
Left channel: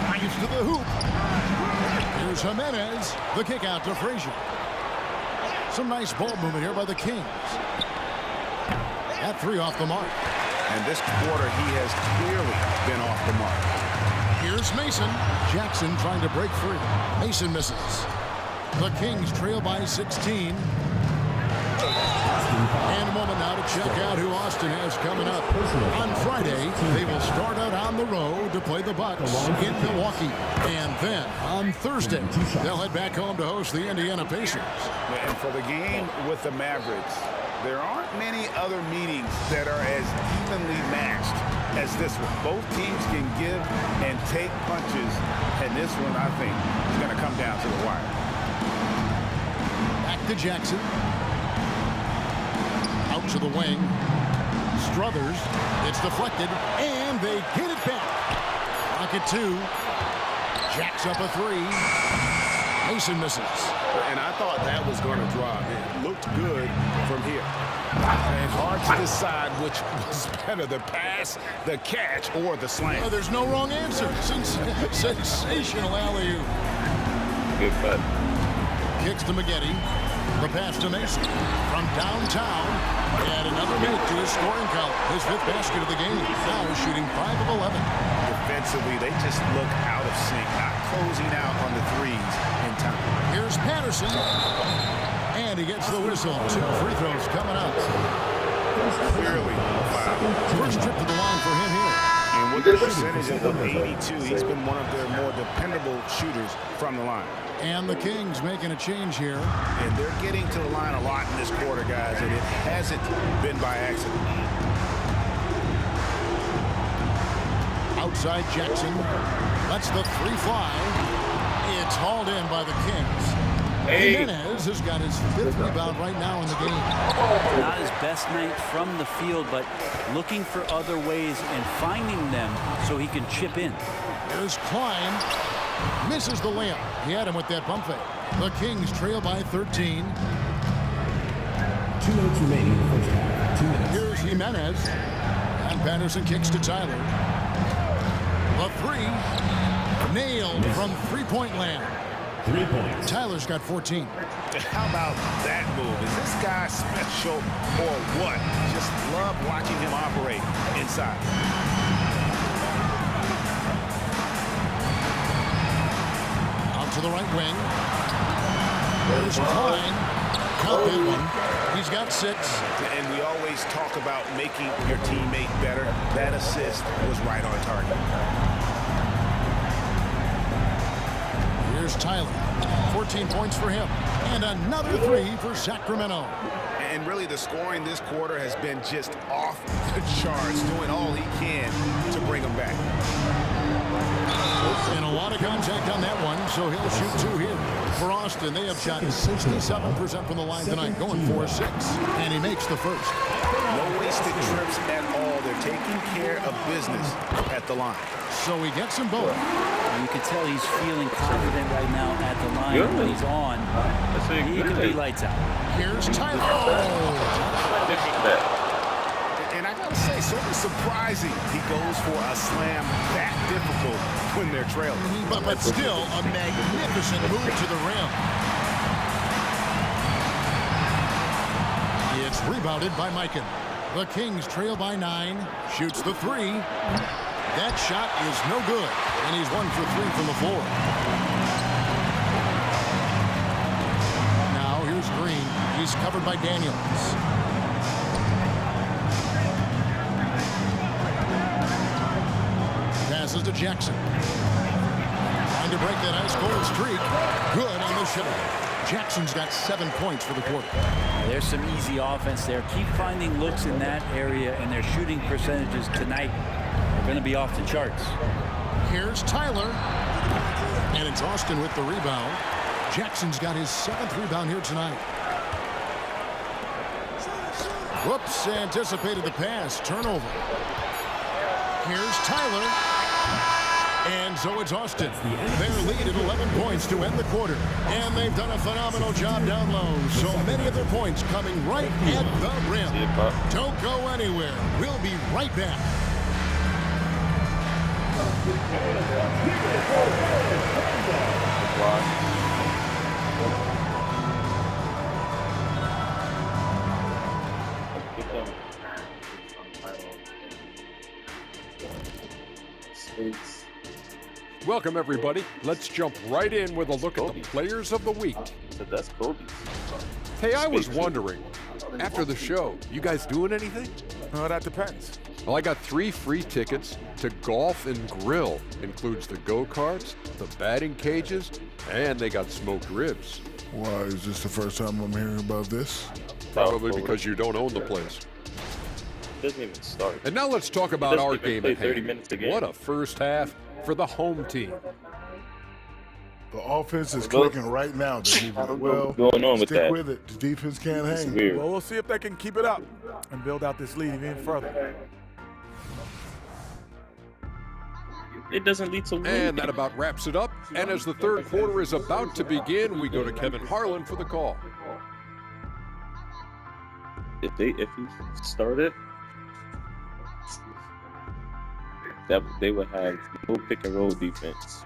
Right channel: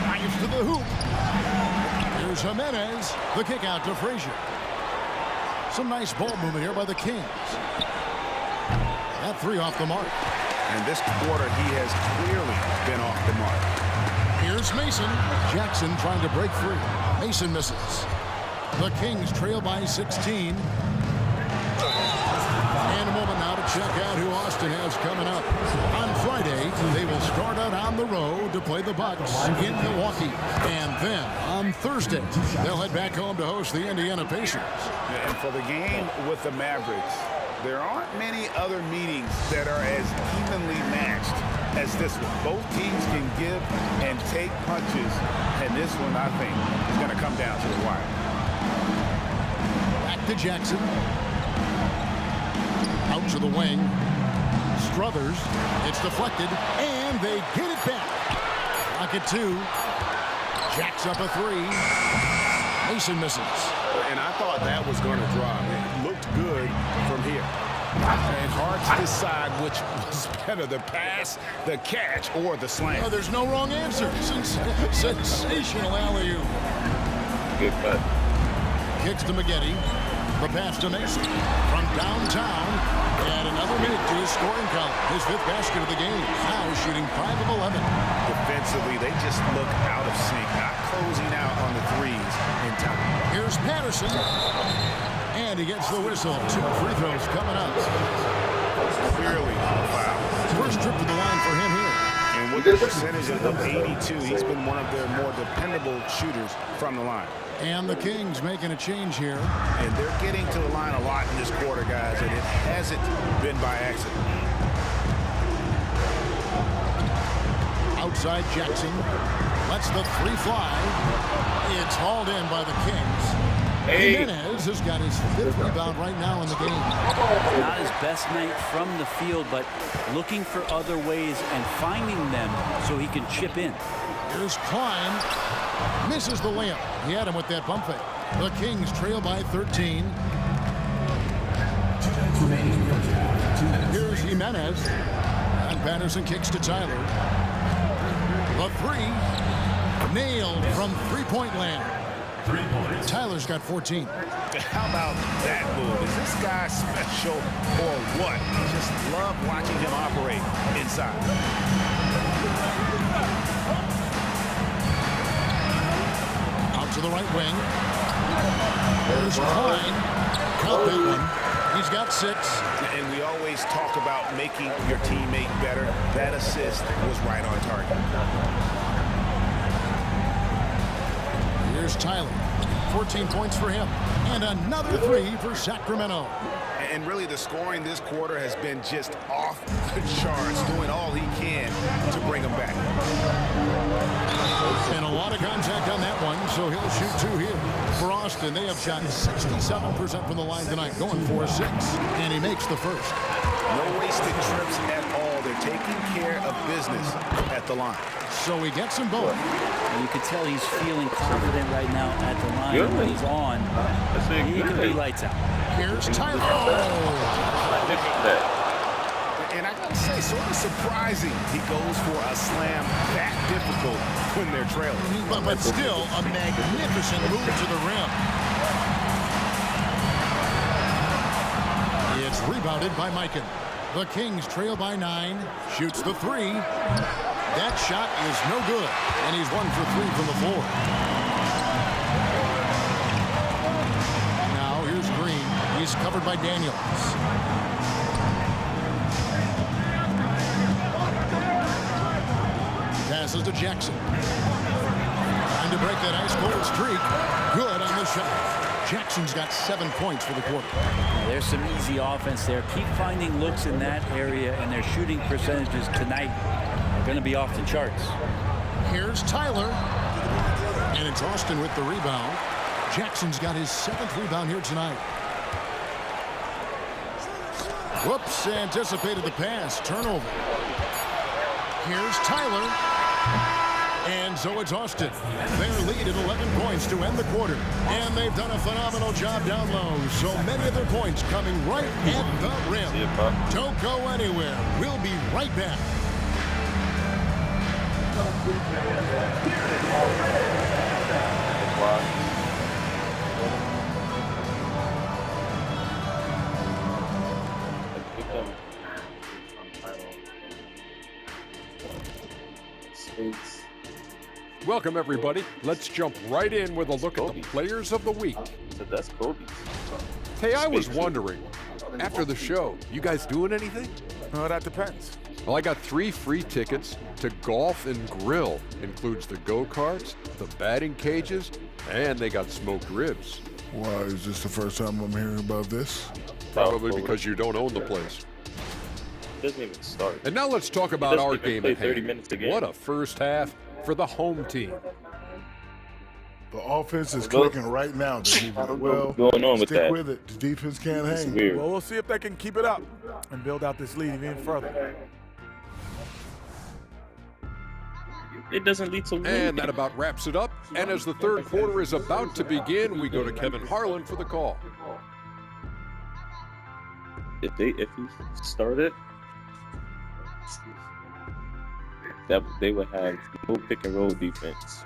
Drives to the hoop. Here's Jimenez. The kick out to Frazier. Some nice ball movement here by the Kings. That 3 off the mark. And this quarter, he has clearly been off the mark. Here's Mason. Jackson trying to break free. Mason misses. The Kings trail by 16. And a moment now to check out who Austin has coming up. On Friday, they will start out on the road to play the Bucks in Milwaukee. And then on Thursday, they'll head back home to host the Indiana Pacers. And for the game with the Mavericks, there aren't many other meetings that are as evenly matched as this one. Both teams can give and take punches, and this one, I think, is going to come down to the wire. Back to Jackson. Out to the wing. Struthers. It's deflected, and they get it back. Clock at 2. Jacks up a 3. Mason misses. And I thought that was going to drop. It looked good from here. And hard to decide which was better, the pass, the catch, or the slam. Oh, there's no wrong answer. Sensational alley-oop. Good cut. Kicks to Maggette. The pass to Mason. From downtown. And another minute to his scoring column. His 5th basket of the game. Now shooting 5 of 11. Defensively, they just look out of sync, not closing out on the threes in time. Here's Patterson. And he gets the whistle. 2 free throws coming up. Clearly a foul. First trip to the line for him here. And with the percentage of 82, he's been one of their more dependable shooters from the line. And the Kings making a change here. And they're getting to the line a lot in this quarter, guys, and it hasn't been by accident. Outside Jackson. Lets the 3 fly. It's hauled in by the Kings. Jimenez has got his 5th rebound right now in the game. Not his best night from the field, but looking for other ways and finding them so he can chip in. Here's Klein. Misses the layup. He had him with that bump fake. The Kings trail by 13. 2 minutes remaining in the first half. 2 minutes. Here's Jimenez. And Patterson kicks to Tyler. The 3. Nailed from three-point land. 3 points. Tyler's got 14. How about that move? Is this guy special or what? Just love watching him operate inside. Out to the right wing. There's Klein. Count that one. He's got 6. And we always talk about making your teammate better. That assist was right on target. Here's Tyler. 14 points for him. And another 3 for Sacramento. And really, the scoring this quarter has been just off the charts, doing all he can to bring them back. And a lot of contact on that one, so he'll shoot 2 here. For Austin, they have shot 67% from the line tonight, going 4-6. And he makes the first. No wasted trips at all. They're taking care of business at the line. So he gets them both. And you can tell he's feeling confident right now at the line. And when he's on, he can be lights out. Here's Tyler. And I got to say, sort of surprising he goes for a slam that difficult when they're trailing. But still a magnificent move to the rim. It's rebounded by Mikan. The Kings trail by 9. Shoots the 3. That shot is no good. And he's 1 for 3 from the floor. Now here's Green. He's covered by Daniels. Passes to Jackson. Trying to break that ice-cold streak. Good on the shot. Jackson's got 7 points for the quarter. There's some easy offense there. Keep finding looks in that area, and their shooting percentages tonight are going to be off the charts. Here's Tyler. And it's Austin with the rebound. Jackson's got his 7th rebound here tonight. Whoops, anticipated the pass. Turnover. Here's Tyler. And so it's Austin. Their lead at 11 points to end the quarter. And they've done a phenomenal job down low. So many of their points coming right at the rim. Don't go anywhere. We'll be right back. Welcome, everybody. Let's jump right in with a look at the players of the week. That's Kobe's. Hey, I was wondering, after the show, you guys doing anything? Oh, that depends. Well, I got 3 free tickets to Golf and Grill. Includes the go-karts, the batting cages, and they got smoked ribs. Why, is this the first time I'm hearing about this? Probably because you don't own the place. Doesn't even start. And now let's talk about our game at 30 hand. minutes a game. What a first half for the home team. The offense is clicking right now. Well, going on with stick that. with it. The defense can't hang. Weird. Well, we'll see if they can keep it up and build out this lead even further. It doesn't lead to winning. And that about wraps it up. And as the third quarter is about to begin, we go to Kevin Harlan for the call. If he started, that they would have no pick and roll defense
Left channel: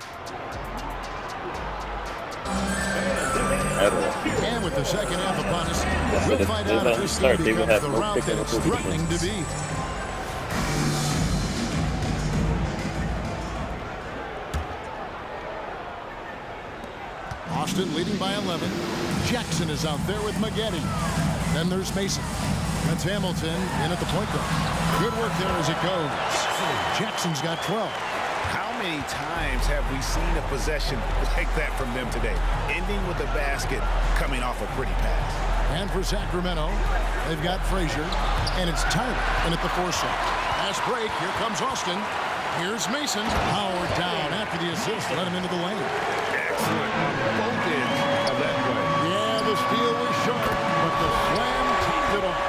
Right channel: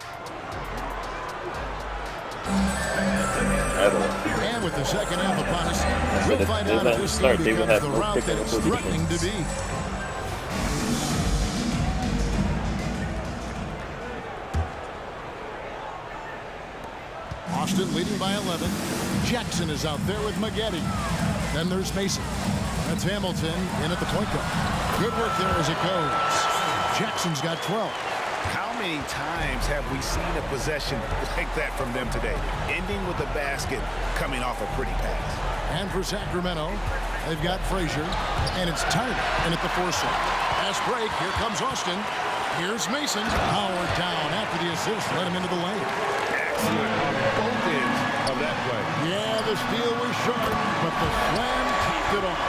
at all. And with the second half upon us, we'll find out if this start, game they would becomes have the no route pick that and it's roll threatening to defense. be. Austin leading by 11. Jackson is out there with Maggette. Then there's Mason. That's Hamilton in at the point guard. Good work there as it goes. Jackson's got 12. How many times have we seen a possession like that from them today? Ending with a basket, coming off a pretty pass. And for Sacramento, they've got Frazier, and it's Tyler in at the 4 slot. Pass break, here comes Austin. Here's Mason. Howard down after the assist, let him into the lane. Excellent on both ends of that play. Yeah, the steal was short, but the slam topped it off.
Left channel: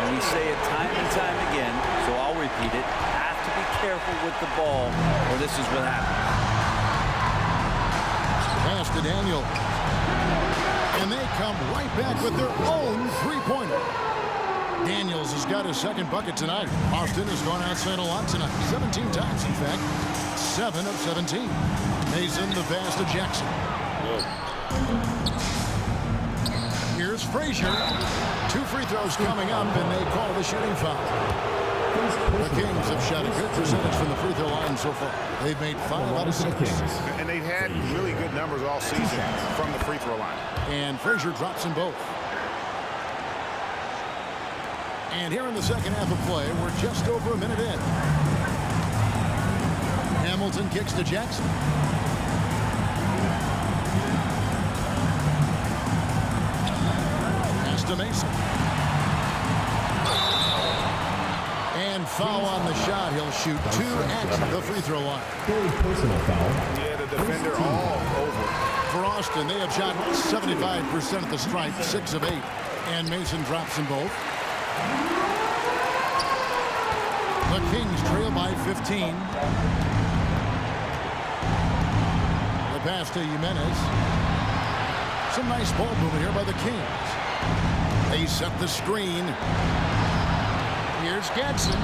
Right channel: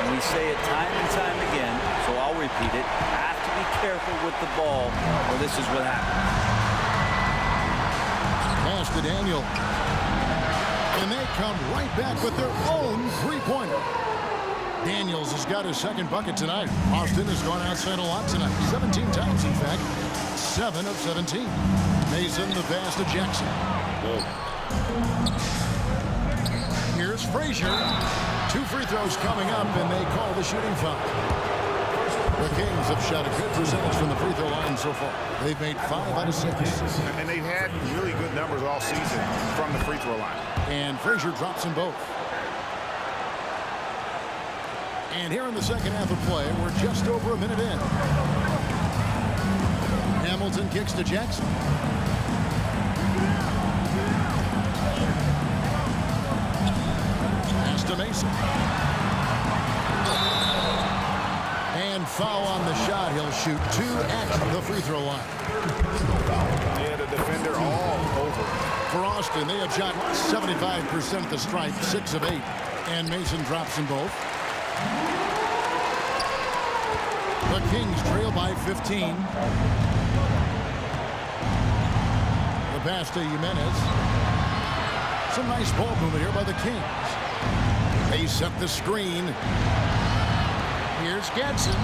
And we say it time and time again, so I'll repeat it. Have to be careful with the ball, or this is what happens. Pass to Daniel. And they come right back with their own three-pointer. Daniels has got his second bucket tonight. Austin has gone outside a lot tonight. 17 times, in fact. 7 of 17. Mason, the pass to Jackson. Good. Here's Frazier. 2 free throws coming up, and they call the shooting foul. The Kings have shot a good percentage from the free throw line so far. They've made 5 out of 6. And they've had really good numbers all season from the free throw line. And Frazier drops them both. And here in the second half of play, we're just over a minute in. Hamilton kicks to Jackson. Pass to Mason. And foul on the shot. He'll shoot 2 at the free throw line. Personal foul. Yeah, the defender all over. For Austin, they have shot 75% at the stripe, 6 of 8. And Mason drops them both. The Kings trail by 15. The pass to Jimenez. Some nice ball movement here by the Kings. They set the screen. Here's Gadsden.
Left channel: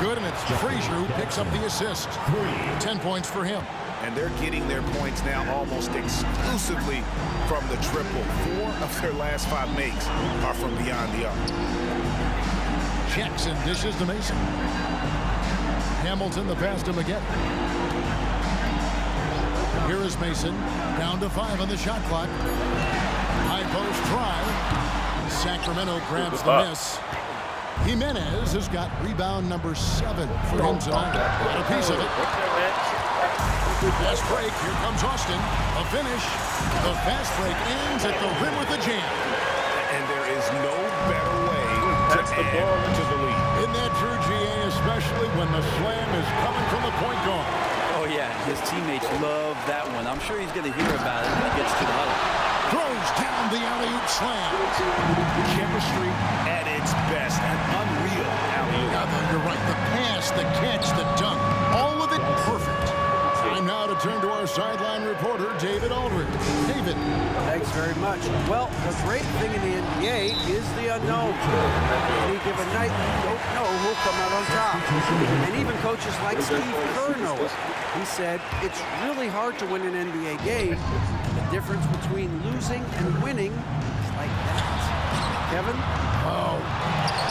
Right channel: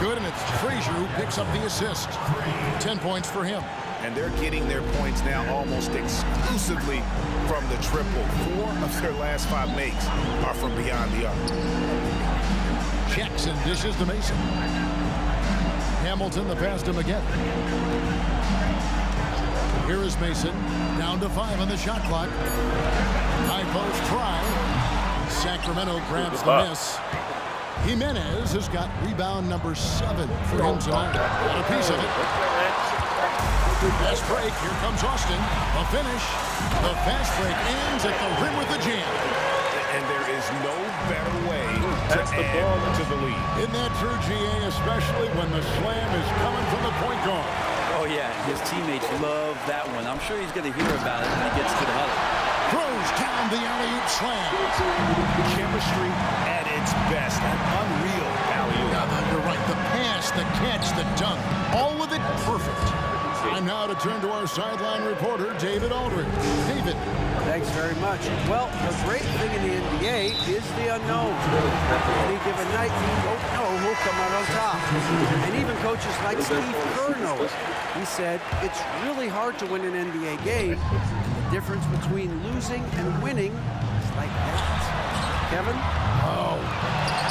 Good, and it's Frazier who picks up the assist. 10 points for him. And they're getting their points now almost exclusively from the triple. 4 of their last 5 makes are from beyond the arc. Jackson dishes to Mason. Hamilton the pass to McGetty. Here is Mason. Down to 5 on the shot clock. High post try. Sacramento grabs the miss. Jimenez has got rebound number 7 for him tonight. Got a piece of it. Fast break. Here comes Austin. A finish. The fast break ends at the rim with the jam. And there is no better way to add to the lead. Isn't that true, GA, especially when the slam is coming from the point guard? Oh, yeah. His teammates love that one. I'm sure he's going to hear about it when he gets to the huddle. Throws down the alley-oop slam. Chemistry at its best. An unreal alley-oop. Yeah, you're right. The pass, the catch, the dunk. All of it perfect. Time now to turn to our sideline reporter, David Aldridge. David. Thanks very much. Well, the great thing in the NBA is the unknown. Any given night, you don't know who'll come out on top. And even coaches like Steve Kerr know it. He said, it's really hard to win an NBA game, and the difference between losing and winning is like that. Kevin? Oh,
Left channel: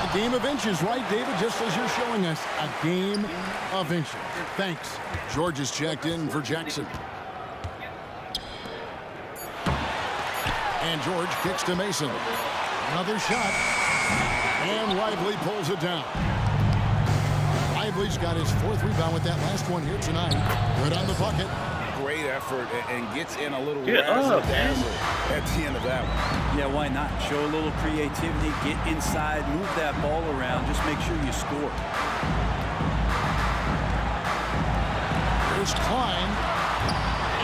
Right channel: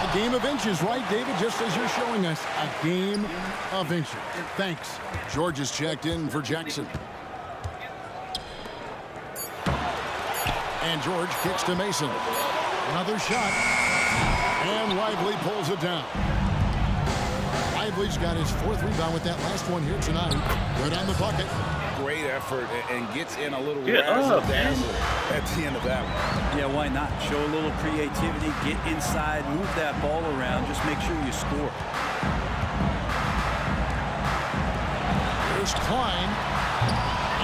a game of inches, right, David? Just as you're showing us, a game of inches. Thanks. George is checked in for Jackson. And George kicks to Mason. Another shot. And Lively pulls it down. Lively's got his 4th rebound with that last one here tonight. Good on the bucket. Great effort and gets in a little razzle-dazzle at the end of that one. Yeah, why not? Show a little creativity, get inside, move that ball around, just make sure you score. Here's Klein.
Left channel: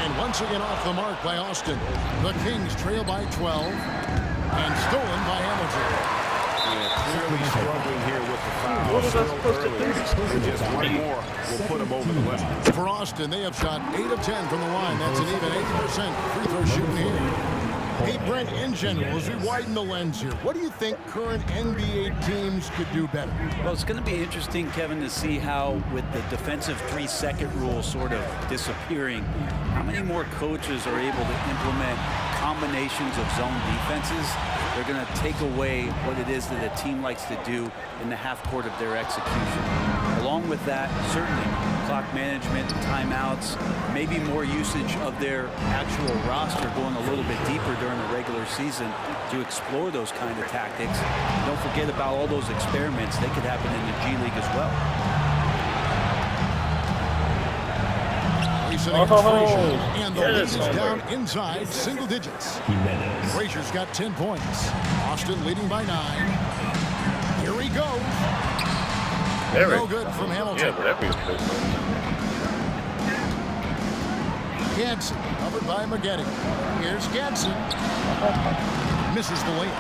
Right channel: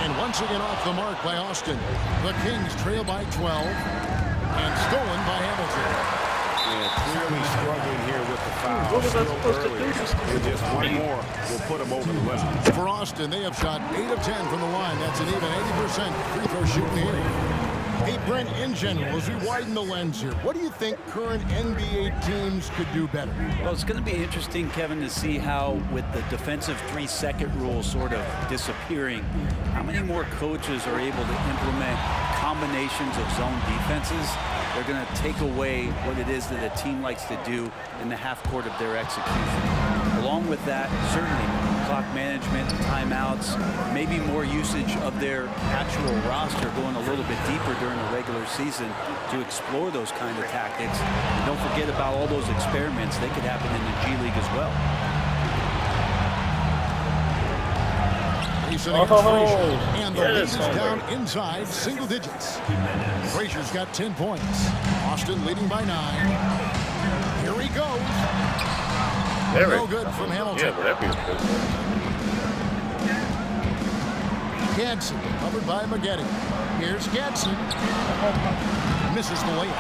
And once again off the mark by Austin. The Kings trail by 12 and stolen by Hamilton. Yeah, clearly struggling here with the foul. Still early. And just one more will put him over the limit. For Austin, they have shot 8 of 10 from the line. That's an even 80% free throw shooting here. Hey, Brent, in general, as we widen the lens here, what do you think current NBA teams could do better? Well, it's going to be interesting, Kevin, to see how, with the defensive 3-second rule sort of disappearing, how many more coaches are able to implement combinations of zone defenses. They're going to take away what it is that a team likes to do in the half court of their execution. Along with that, certainly clock management, timeouts, maybe more usage of their actual roster going a little bit deeper during the regular season to explore those kind of tactics. And don't forget about all those experiments. They could happen in the G League as well. And the lead is down inside single digits. Frazier's got 10 points. Austin leading by 9. Here he goes. No good from Hamilton. Yeah, but that'd be a good Gadsden covered by McGetty. Here's Gadsden. Misses the layup.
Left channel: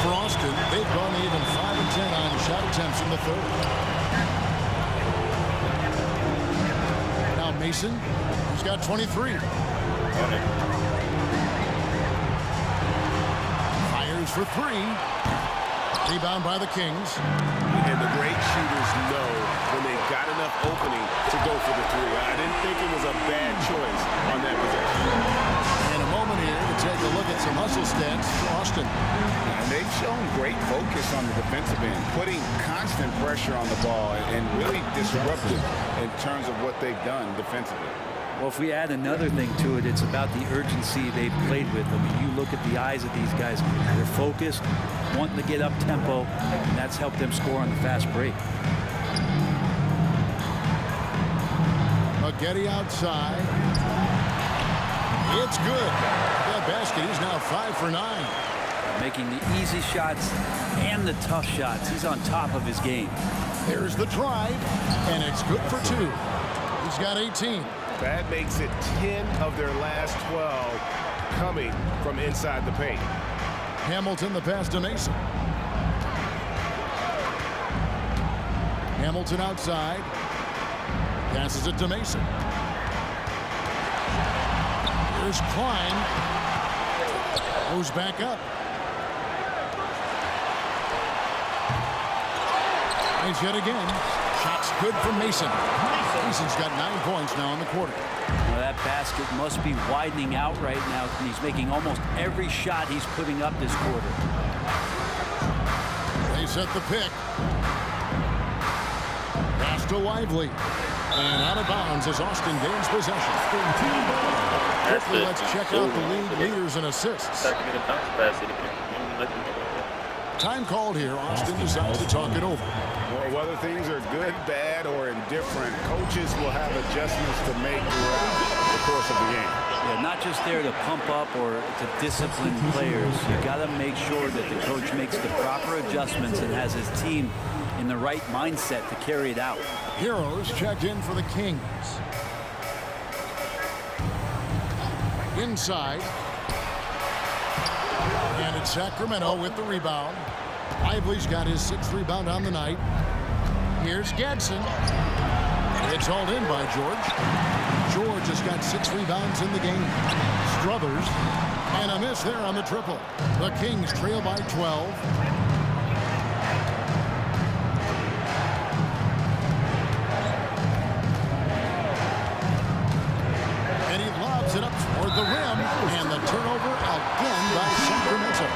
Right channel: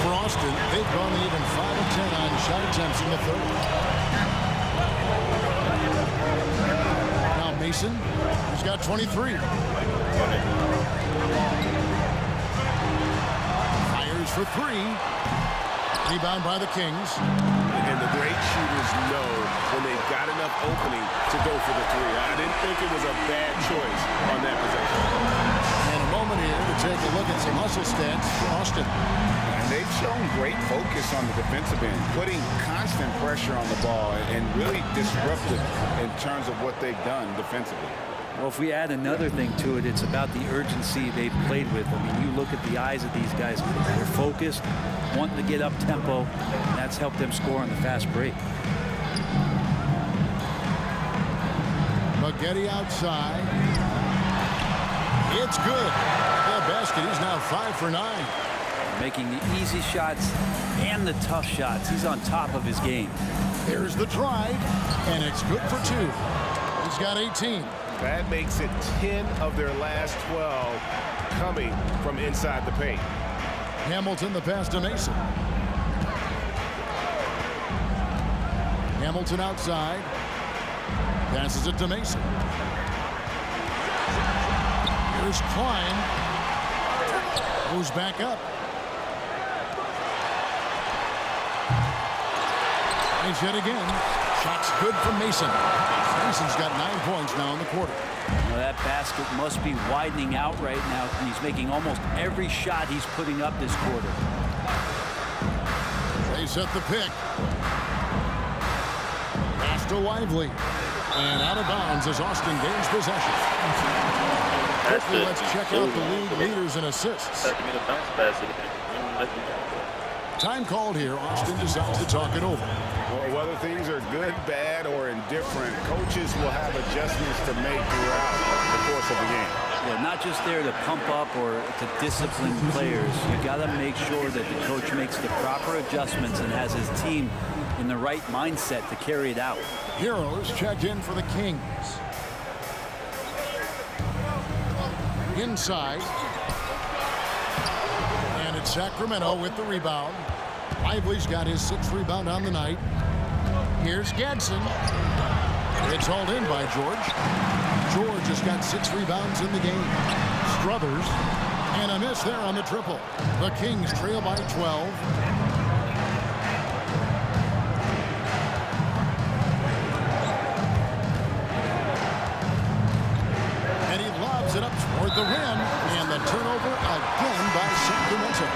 For Austin, they've gone even 5 of 10 on shot attempts in the 3rd. Mason, who's got 23. Fires for 3. Rebound by the Kings. And the great shooters know when they've got enough opening to go for the 3. I didn't think it was a bad choice on that possession. And a moment here to take a look at some hustle stats for Austin. And they've shown great focus on the defensive end, putting constant pressure on the ball and really disruptive in terms of what they've done defensively. Well, if we add another thing to it, it's about the urgency they've played with. I mean, you look at the eyes of these guys. They're focused, wanting to get up tempo, and that's helped them score on the fast break. McGetty outside. It's good. That basket, he's now 5 for 9. Making the easy shots and the tough shots. He's on top of his game. Here's the drive, and it's good for 2. He's got 18. That makes it 10 of their last 12 coming from inside the paint. Hamilton the pass to Mason. Hamilton outside. Passes it to Mason. Here's Klein. Goes back up. Finds hit again. Shot's good from Mason. Mason's got 9 points now in the quarter. Well, that basket must be widening out right now, and he's making almost every shot he's putting up this quarter. They set the pick. Pass to Lively. And out of bounds as Austin gains possession. Quickly, let's check out the league leaders in assists. Time called here. Austin decides to talk it over. Well, whether things are good, bad, or indifferent, coaches will have adjustments to make throughout the course of the game. Yeah, not just there to pump up or to discipline players. You got to make sure that the coach makes the proper adjustments and has his team in the right mindset to carry it out. Heroes checked in for the Kings. Inside. And it's Sacramento with the rebound. Lively's got his 6th rebound on the night. Here's Gadsden. It's hauled in by George. George has got 6 rebounds in the game. Struthers. And a miss there on the triple. The Kings trail by 12. And he lobs it up toward the rim. And the turnover again by Sacramento.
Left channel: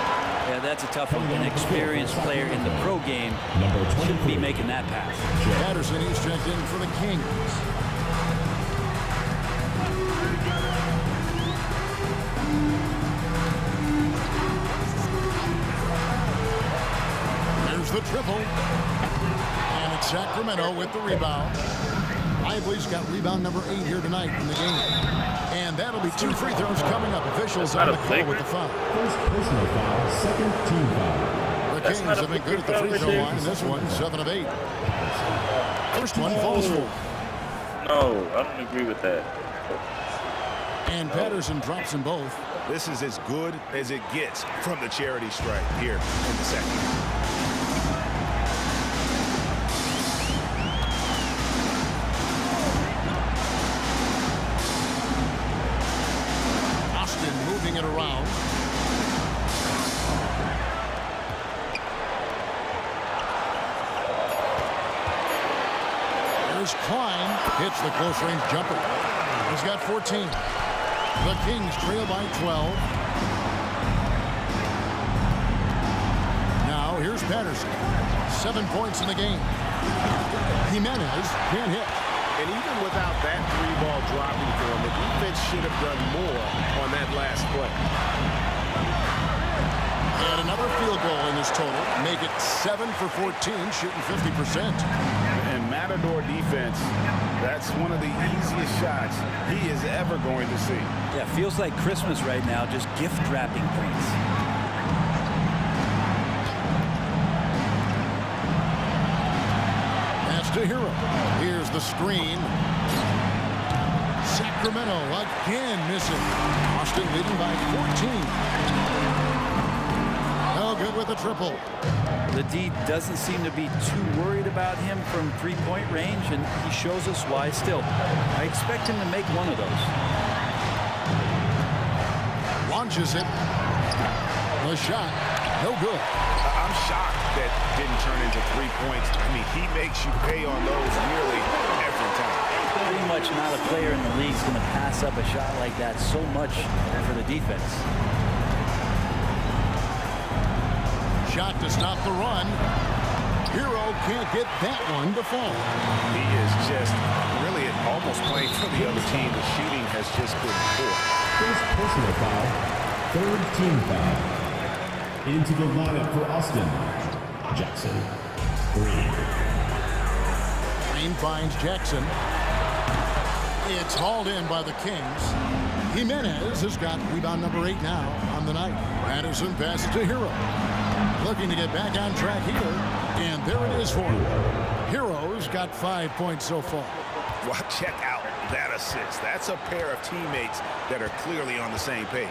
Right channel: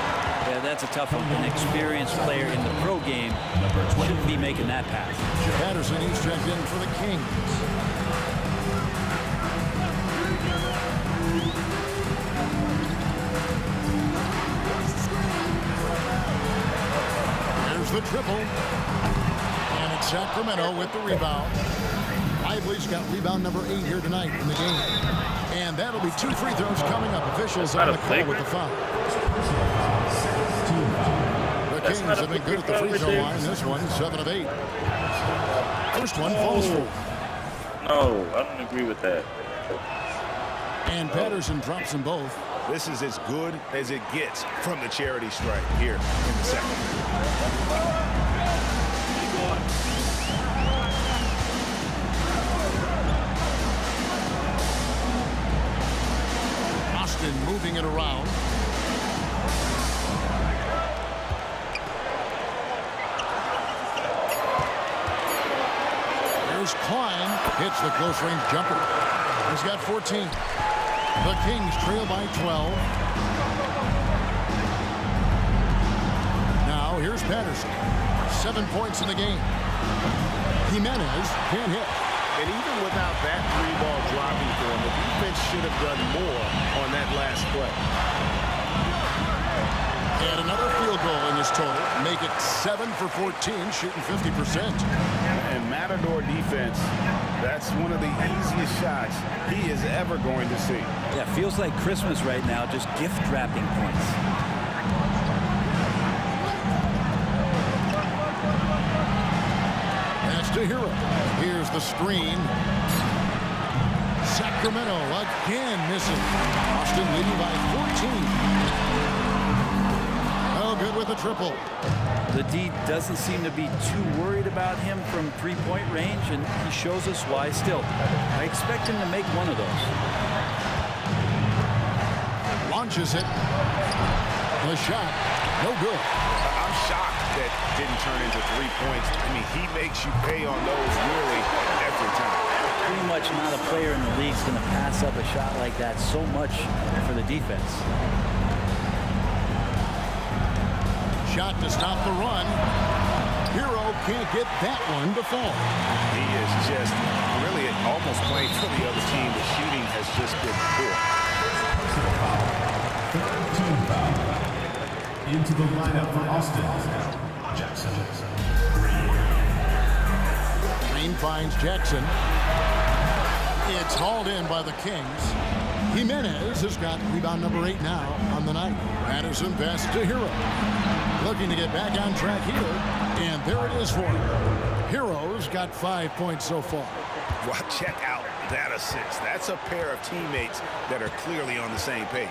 Yeah, that's a tough one. An experienced player in the pro game shouldn't be making that pass. Patterson, he's checked in for the Kings. There's the triple. And it's Sacramento with the rebound. Lively's got rebound number 8 here tonight in the game. And that'll be 2 free throws coming up. Officials on the call with the foul. First personal foul, second team foul. The Kings have been good at the free throw line. This one, 7 of 8. First one falls for. No, I don't agree with that. And Patterson drops them both. This is as good as it gets from the charity stripe here in the second. Austin moving it around. There's Klein. Hits the close-range jumper. He's got 14. The Kings trail by 12. Now here's Patterson. 7 points in the game. Jimenez can't hit. And even without that 3-ball dropping for him, the defense should have done more on that last play. And another field goal in his total. Make it 7 for 14, shooting 50%. And Matador defense, that's one of the easiest shots he is ever going to see. Yeah, feels like Christmas right now, just gift wrapping points. That's to Hero. Here's the screen. Sacramento again missing. Austin leading by 14. Oh, good with the triple. The D doesn't seem to be too worried about him from 3-point range, and he shows us why still. I expect him to make one of those. Launches it. The shot, no good. I'm shocked that didn't turn into 3 points. I mean, he makes you pay on those nearly every time. Pretty much not a player in the league is going to pass up a shot like that so much for the defense. Shot to stop the run. Hero can't get that one to fall. He is just really almost playing for the other team. The shooting has just been poor. First personal foul, third team foul. Into the lineup for Austin, Jackson Green. Green finds Jackson. It's hauled in by the Kings. Jimenez has got rebound number 8 now on the night. Patterson passes to Hero. Looking to get back on track here. And there it is for him. Hero's got 5 points so far. Well, check out that assist. That's a pair of teammates that are clearly on the same page.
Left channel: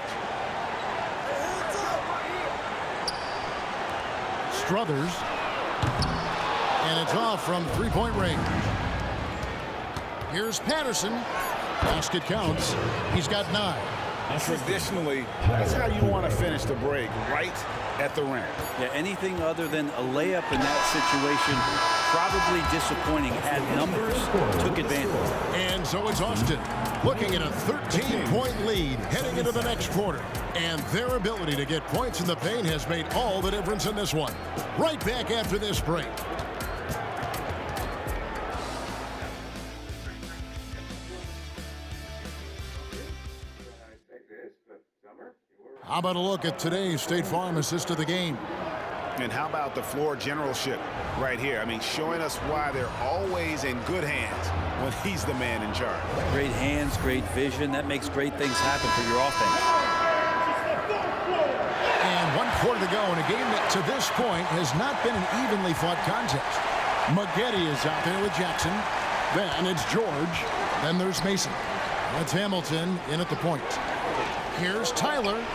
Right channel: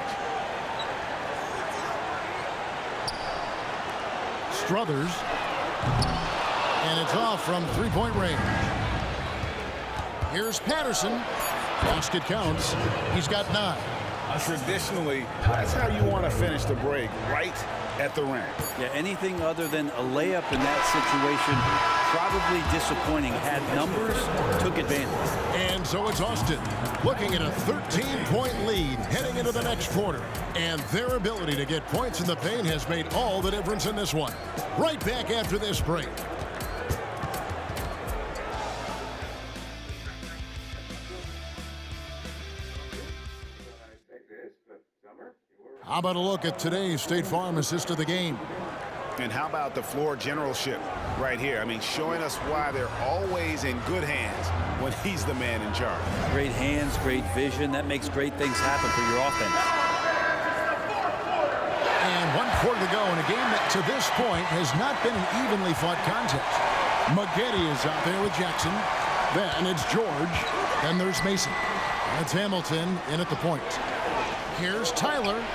Struthers. And it's off from 3-point range. Here's Patterson. Basket counts. He's got 9. Traditionally, that's how you want to finish the break, right at the rim. Yeah, anything other than a layup in that situation, probably disappointing. Had numbers, took advantage. And so it's Austin looking at a 13-point lead heading into the next quarter. And their ability to get points in the paint has made all the difference in this one. Right back after this break. How about a look at today's State Farm assist of the game? And how about the floor generalship right here? I mean, showing us why they're always in good hands when he's the man in charge. Great hands, great vision. That makes great things happen for your offense. And 1 quarter to go in a game that to this point has not been an evenly fought contest. Maggette is out there with Jackson. Then it's George. Then there's Mason. That's Hamilton in at the point. Here's Tyler.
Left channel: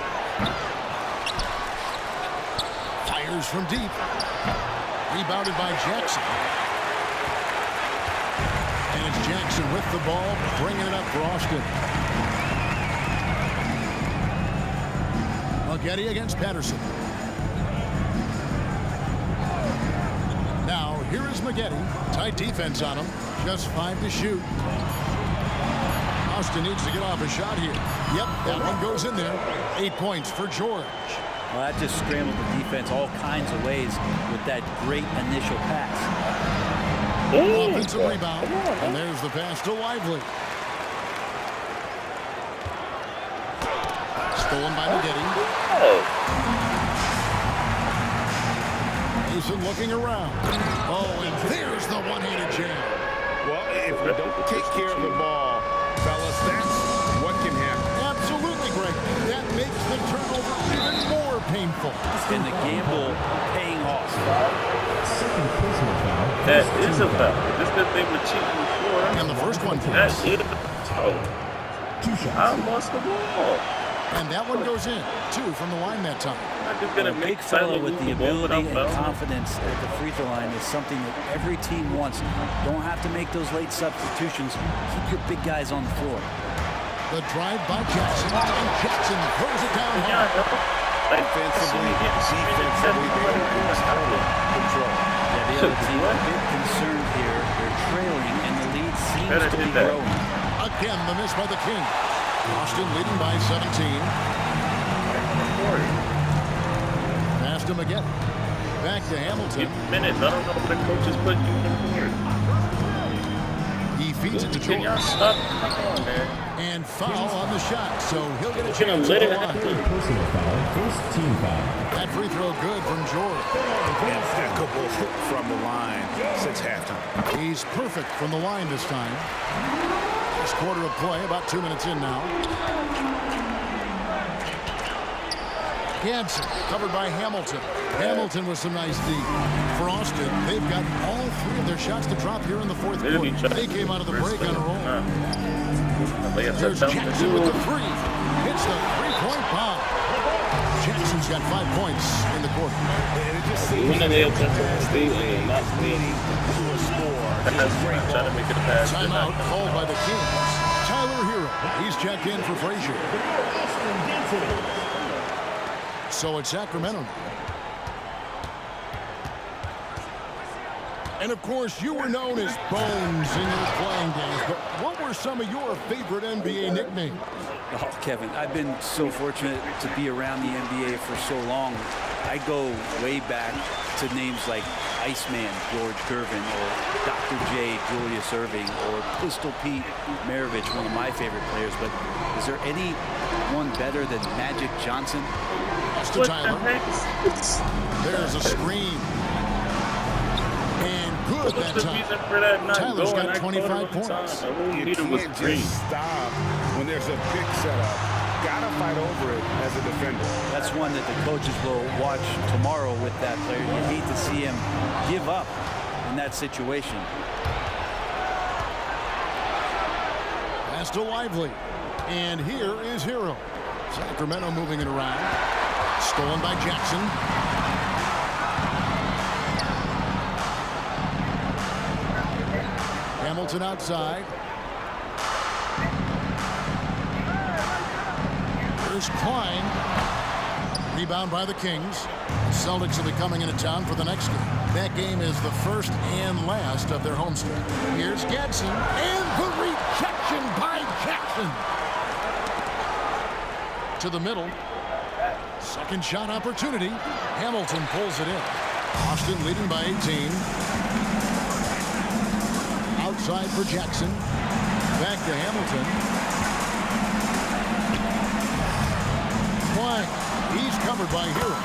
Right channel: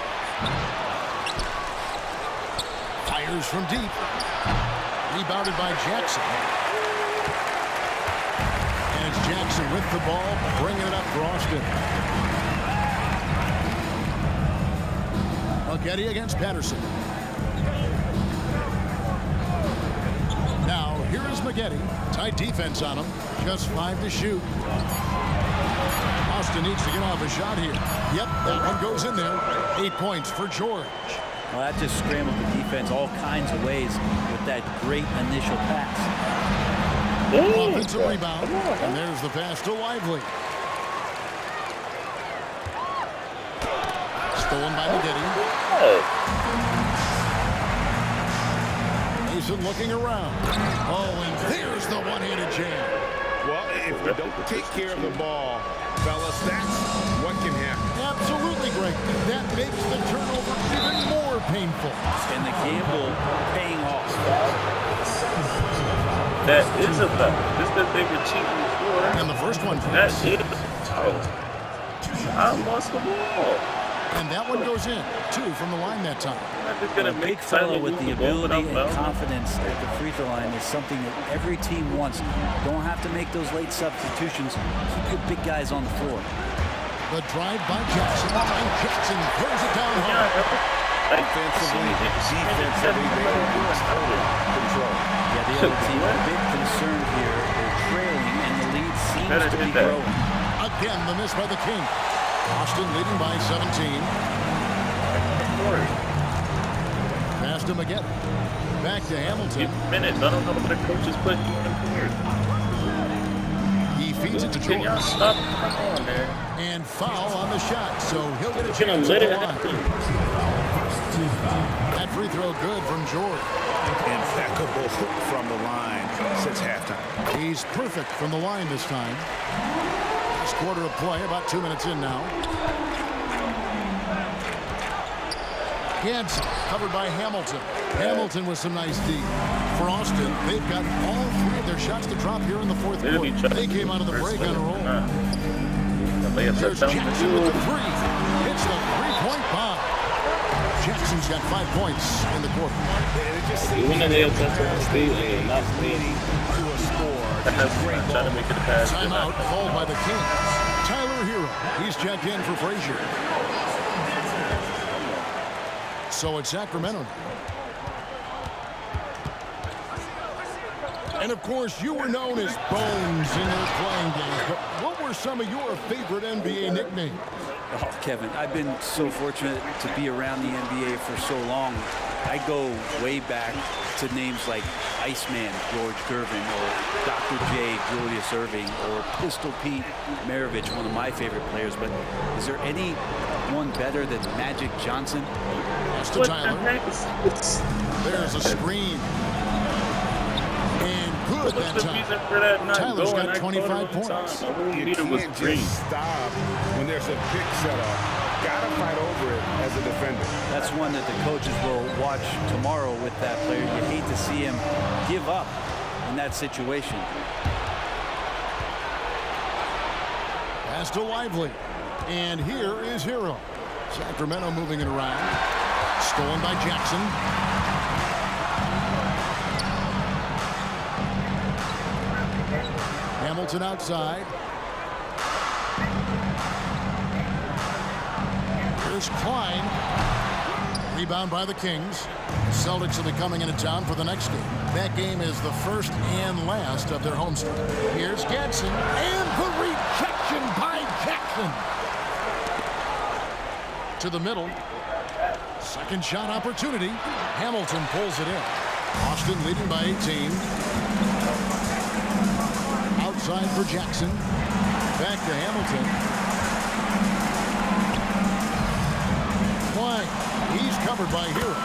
Fires from deep. Rebounded by Jackson. And it's Jackson with the ball, bringing it up for Austin. Maggette against Patterson. Now, here is Maggette. Tight defense on him. Just 5 to shoot. Austin needs to get off a shot here. Yep, that one goes in there. 8 points for George. Well, that just scrambled the defense all kinds of ways with that great initial pass. Offensive rebound, and there's the pass to Lively. Stolen by Maggette. Mason looking around. Oh, and there's the one-handed jam. Well, if you don't take care of the ball, fellas, that's what can happen. Absolutely, Greg. That makes the turnover even more painful. And the gamble paying off. That is a foul. Just that they were cheating before. And the first one. That is foul. I lost the ball. And that one goes in. 2 from the line that time. A big fella with the ability and confidence at the free throw line is something that every team wants. Don't have to make those late substitutions. Keep your big guys on the floor. The drive by Jackson, and Jackson throws it down hard. Offensively, defensively, they are in total control. Yeah, the other team a bit concerned here. They're trailing, and the lead seems to be growing. Again, the miss by the King. Austin leading by 17. Pass to Maggette. Back to Hamilton. Minutes. I don't know what the coach is putting you on the board. He feeds it to George. And foul on the shot, so he'll get a chance at the line. Personal foul, first team foul. That free throw good from George. Impeccable from the line since halftime. He's perfect from the line this time. Last quarter of play, about 2 minutes in now. Ganson covered by Hamilton. Hamilton with some nice D. For Austin, they've got all 3 of their shots to drop here in the fourth quarter. They came out of the break on a roll. There's Jackson with the 3. Hits the 3-point bomb. Jackson's got 5 points in the quarter. And it just seems like every pass they make is leading to a score. Just great ball. To make it a pass. Timeout called by the Kings. Tyler Hero, he's checked in for Frazier. So it's Sacramento now. And of course, you were known as Bones in your playing days, but what were some of your favorite NBA nicknames? Oh, Kevin, I've been so fortunate to be around the NBA for so long. I go way back to names like Iceman George Gervin, or Dr. J Julius Erving, or Pistol Pete Maravich, one of my favorite players. But is there anyone better than Magic Johnson? Pass to Tyler. There's a screen. And good that time. Tyler's got 25 points. You can't just stop when there's a pick set up. Gotta fight over it as a defender. That's one that the coaches will watch tomorrow with that player. You hate to see him give up in that situation. Pass to Lively. And here is Hero. Sacramento moving it around. Stolen by Jackson. Hamilton outside. Here's Klein. Rebound by the Kings. The Celtics will be coming into town for the next game. That game is the first and last of their homestand. Here's Gadsden, and the rejection by Jackson. To the middle. Second shot opportunity. Hamilton pulls it in. Austin leading by 18. Outside for Jackson. Back to Hamilton. Klein. He's covered by Hero.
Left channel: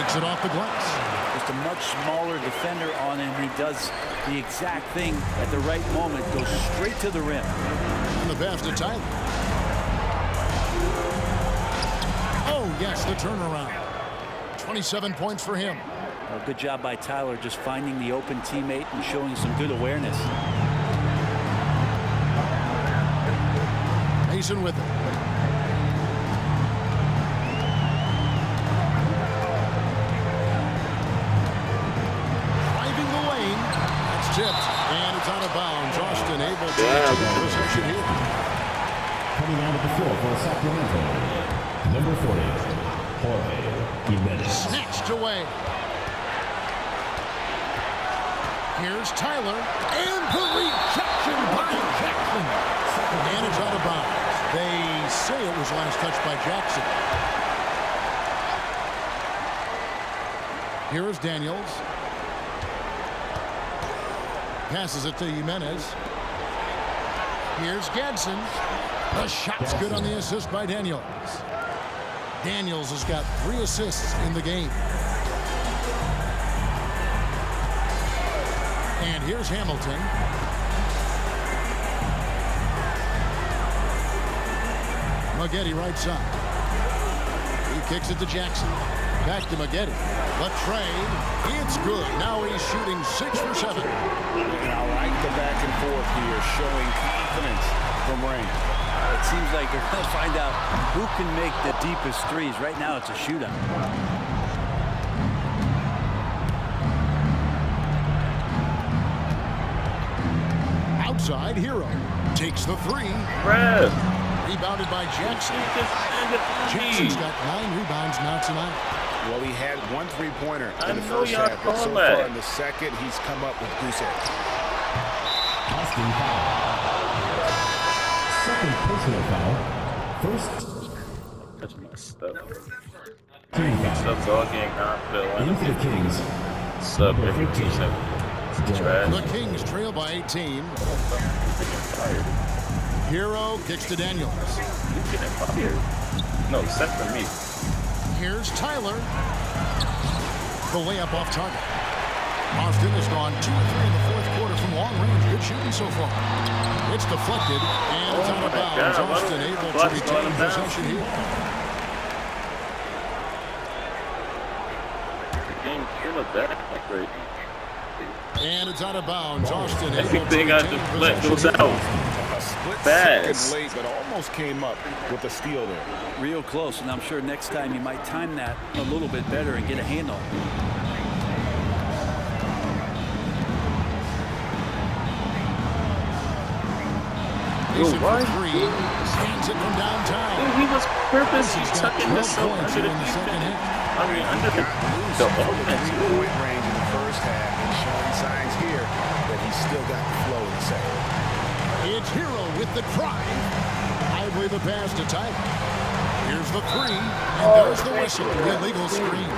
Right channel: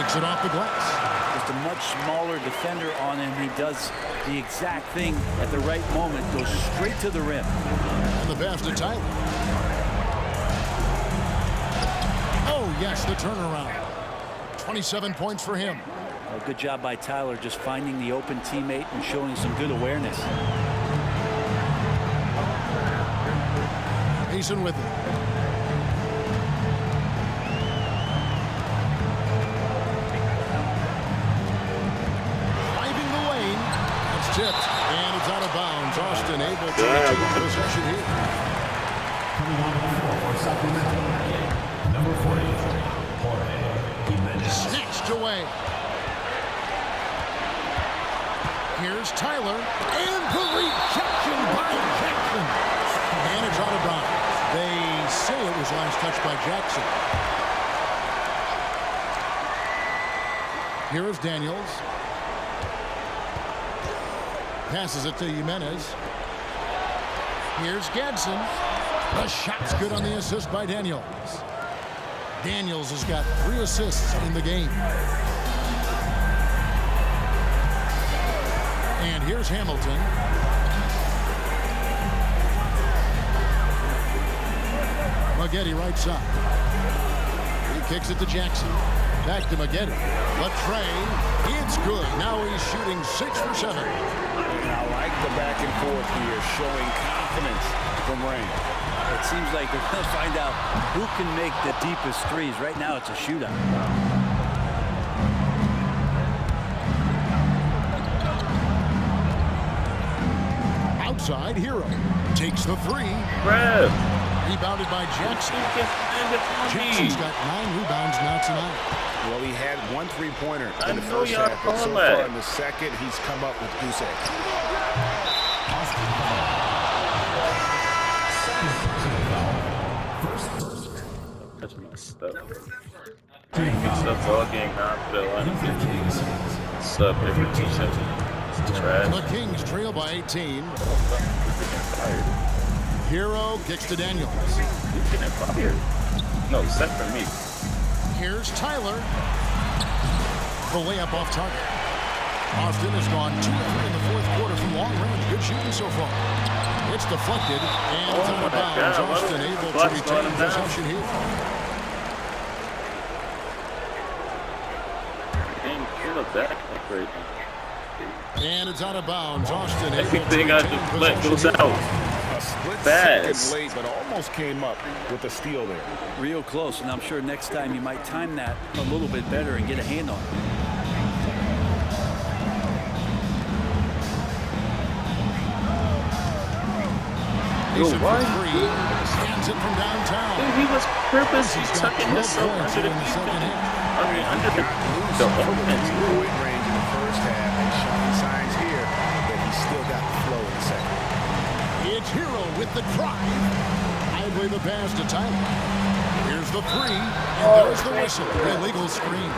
Takes it off the glass. Just a much smaller defender on him. He does the exact thing at the right moment. Goes straight to the rim. And the pass to Tyler. Oh, yes, the turnaround. 27 points for him. Well, good job by Tyler just finding the open teammate and showing some good awareness. Mason with it. Driving the lane. That's tipped. And it's out of bounds. Austin able to take possession here. Coming onto the floor for Sacramento, number 40, Jorge Jimenez. Snatched away. Here's Tyler, and the rejection by Jackson. And it's out of bounds. They say it was last touched by Jackson. Here is Daniels. Passes it to Jimenez. Here's Gadsden. The shot's good on the assist by Daniels. Daniels has got 3 assists in the game. And here's Hamilton. Maggette right side. He kicks it to Jackson. Back to Maggette. Latrey. It's good. Now he's shooting 6 for 7. And I like the back and forth here, showing confidence from Rain. It seems like they're going to find out who can make the deepest threes. Right now, it's a shootout. Outside, Hero takes the 3. Bruh. Rebounded by Jackson. Jackson's got 9 rebounds now tonight. Well, he had 1 3-pointer in the first half, but so far in the second, he's come up with goose eggs. Austin foul. Second personal foul. First. That's messed up. Mixed up all game now for the lineup. Kings. Sub every 2 seconds. Trash. The Kings trail by 18. Hero kicks to Daniels. He's getting fired. No, set for me. Here's Tyler. The layup off target. Austin has gone 2 or 3 in the fourth quarter from long range. Good shooting so far. It's deflected, and it's out of bounds. Austin able to retain possession here. Dang, kill a back right now. And it's out of bounds. Austin able Everything to I retain deflect possession goes here. out. A split Fast. second late, but almost came up with a steal there. Real close, and I'm sure next time you might time that a little bit better and get a hand on it. Mason for 3. Scans it from downtown. Dude, he was purposely He's got tucking 12 himself points under here the in the second defense. half. I mean, under Got loose the from the offense. 3-point range in the first half and showing signs here that he's still got the flow in the second. It's Hero with the drive. I believe the pass to Tyler. Here's the 3, and there's the whistle. Illegal screen.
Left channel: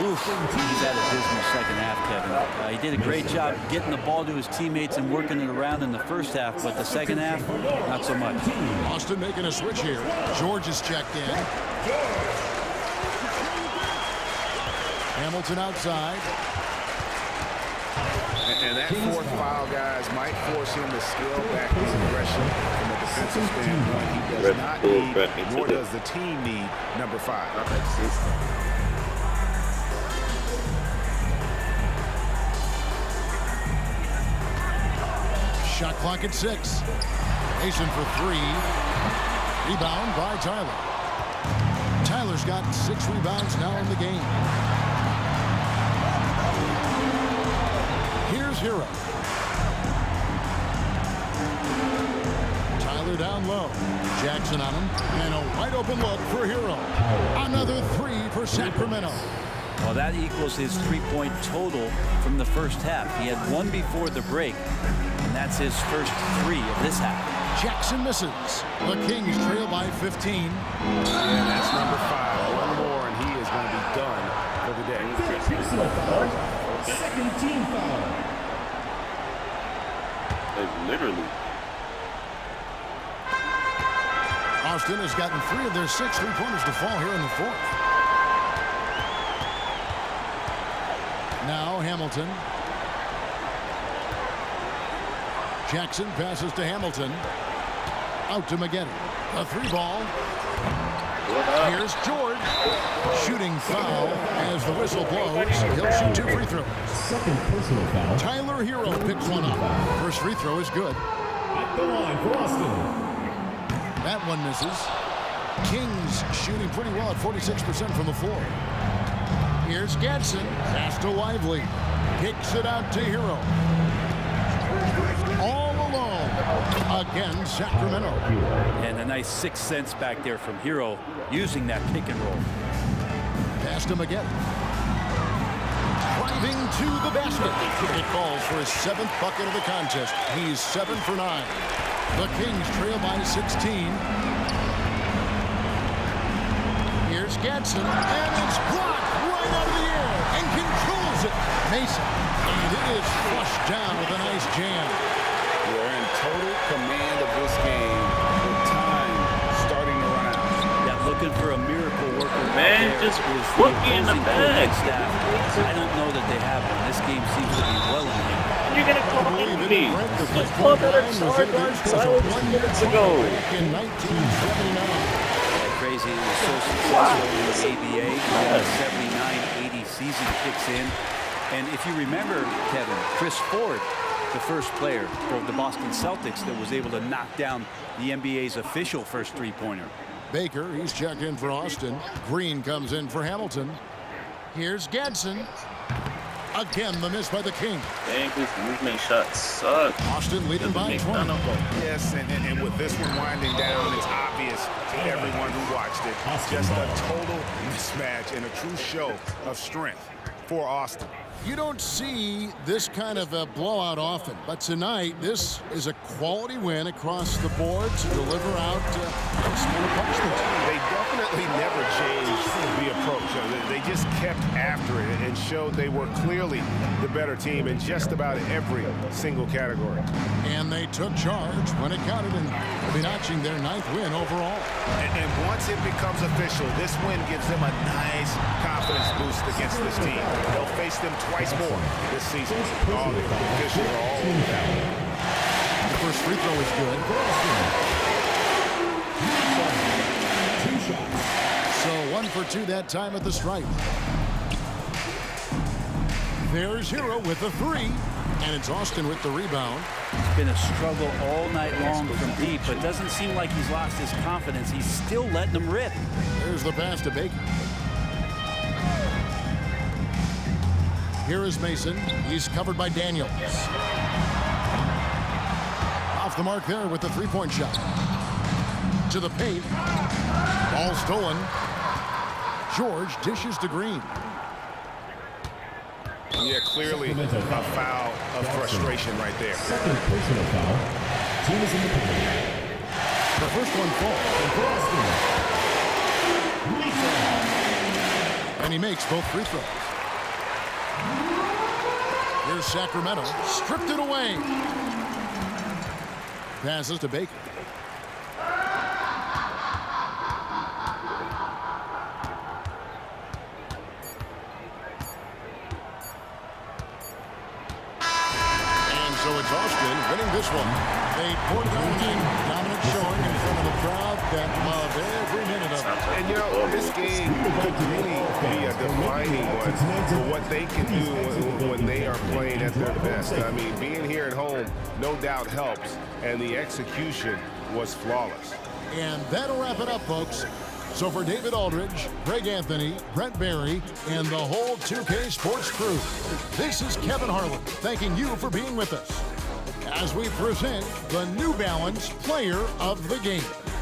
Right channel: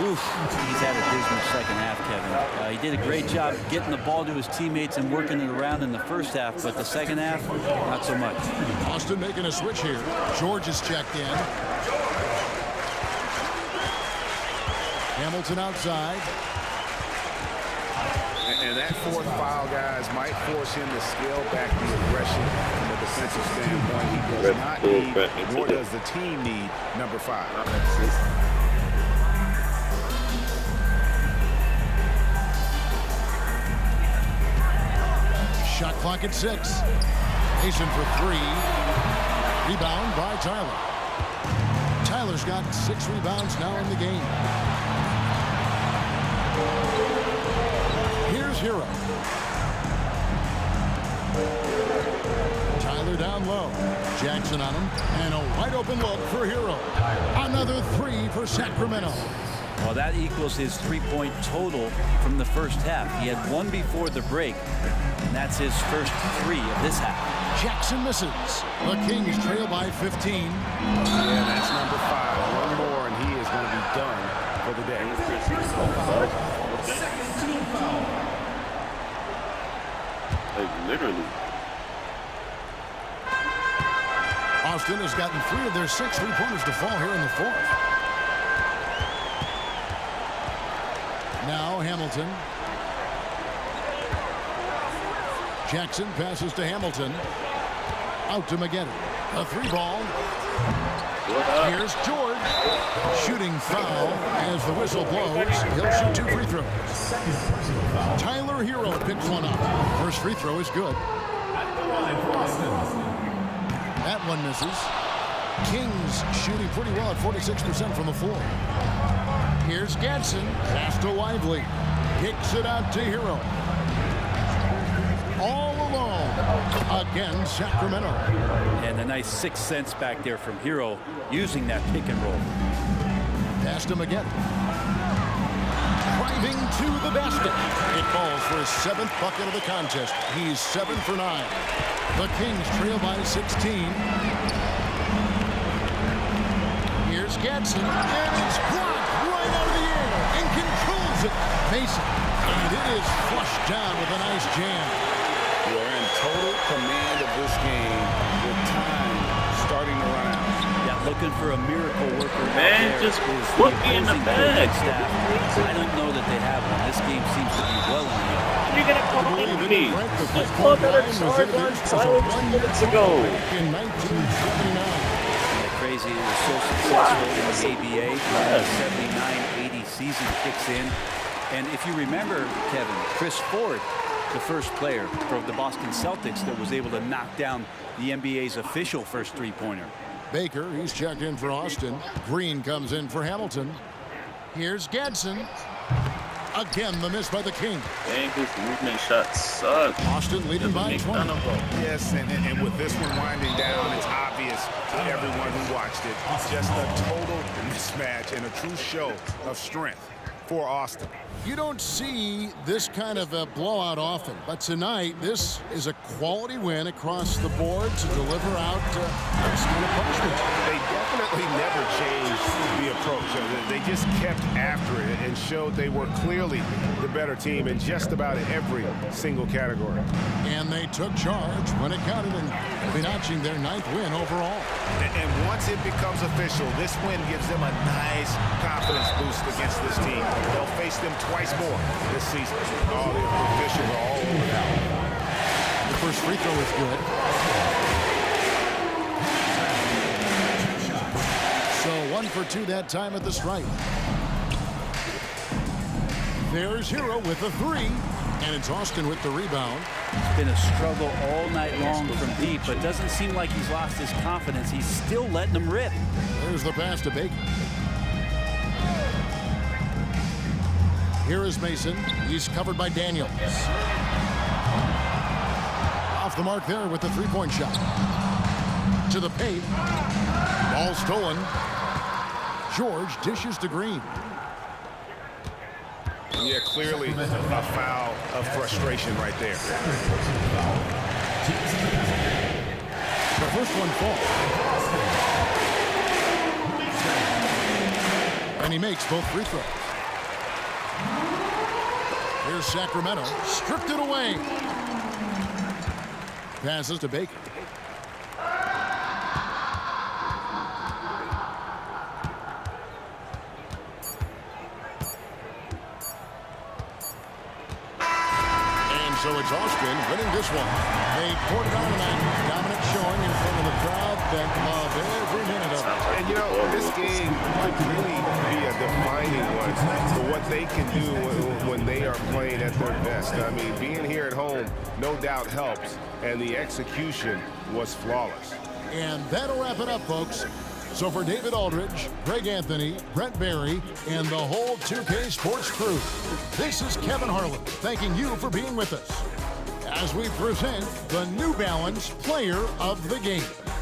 Oof, he's had a dismal second half, Kevin. He did a great job getting the ball to his teammates and working it around in the first half, but the second half, not so much. Austin making a switch here. George is checked in. Hamilton outside. And that fourth foul, guys, might force him to scale back the aggression from a defensive standpoint. He does not need, nor does the team need, number 5. Shot clock at 6. Mason for 3. Rebound by Tyler. Tyler's got 6 rebounds now in the game. Here's Hero. Tyler Tyler down low. Jackson on him, and a wide open look for Hero. Another 3 for Sacramento. Well, that equals his 3-point total from the first half. He had 1 before the break, and that's his first 3 of this half. Jackson misses. The Kings trail by 15. Yeah, that's number 5. One more, and he is going to be done for the day. Second team foul. Like, literally. Austin has gotten 3 of their 6 3-pointers to fall here in the 4th. Now Hamilton. Jackson passes to Hamilton. Out to Maggette. A 3-ball. Here's George. Shooting foul as the whistle blows. He'll shoot 2 free throws. Second personal foul. Tyler Hero picks one up. First free throw is good. At the line for Austin. That one misses. Kings shooting pretty well at 46% from the floor. Here's Gadsden. Pass to Lively. Kicks it out to Hero. All alone. Again, Sacramento. And a nice 6 cents back there from Hero using that pick and roll. Pass to Maggette. Driving to the basket. It falls for his 7th bucket of the contest. He's 7 for 9. The Kings trail by 16. Here's Gadsden, and it's blocked right out of the air and controls it. Mason, and it is flushed down with a nice jam. They're in total command of this game with time starting to run out. Yeah, looking for a miracle worker. Man, out there just is put the me in the opposing bag. coaching staff. I don't know that they have one. This game seems to be well in hand. And you're gonna call me. The This club had a was charge on introduced as a silence 1-year minutes trial ago. back in 1979. Yeah, crazy. It was so successful in the ABA. And then the 79-80 season kicks in. And if you remember, Kevin, Chris Ford, the first player from the Boston Celtics that was able to knock down the NBA's official first 3-pointer. Baker, he's checked in for Austin. Green comes in for Hamilton. Here's Gadsden. Again, the miss by the King. Dang, his movement shot sucks. Austin leading by 20. Yes, and with this one winding down, it's obvious to everyone who watched it. Just a total mismatch and a true show of strength for Austin. You don't see this kind of a blowout often, but tonight this is a quality win across the board to deliver out this kind of punishment. They definitely never changed the approach. They just kept after it and showed they were clearly the better team in just about every single category. And they took charge when it counted, and they'll be notching their 9th win overall. And once it becomes official, this win gives them a nice confidence boost against this team. They'll face them twice more this season. All the officials are all over that. The first free throw is good. So 1 for 2 that time at the stripe. There's Hero with the 3, and it's Austin with the rebound. It's been a struggle all night long from deep, but doesn't seem like he's lost his confidence. He's still letting them rip. There's the pass to Baker. Here is Mason. He's covered by Daniels. Off the mark there with the 3-point shot. To the paint. Ball stolen. George dishes to Green. Yeah, clearly a foul of frustration right there. Second personal foul. Team is in the penalty. The first one falls. And he makes both free throws. Here's Sacramento. Stripped it away. Passes to Baker. So it's Austin winning this one. They poured it on tonight. Dominant showing in front of a crowd that loved every minute of it. And you know, this game could really be a defining one for what they can do when they are playing at their best. I mean, being here at home no doubt helps, and the execution was flawless. And that'll wrap it up, folks. So for David Aldridge, Greg Anthony, Brent Barry, and the whole 2K Sports crew, this is Kevin Harlan thanking you for being with us. as we present the New Balance Player of the Game.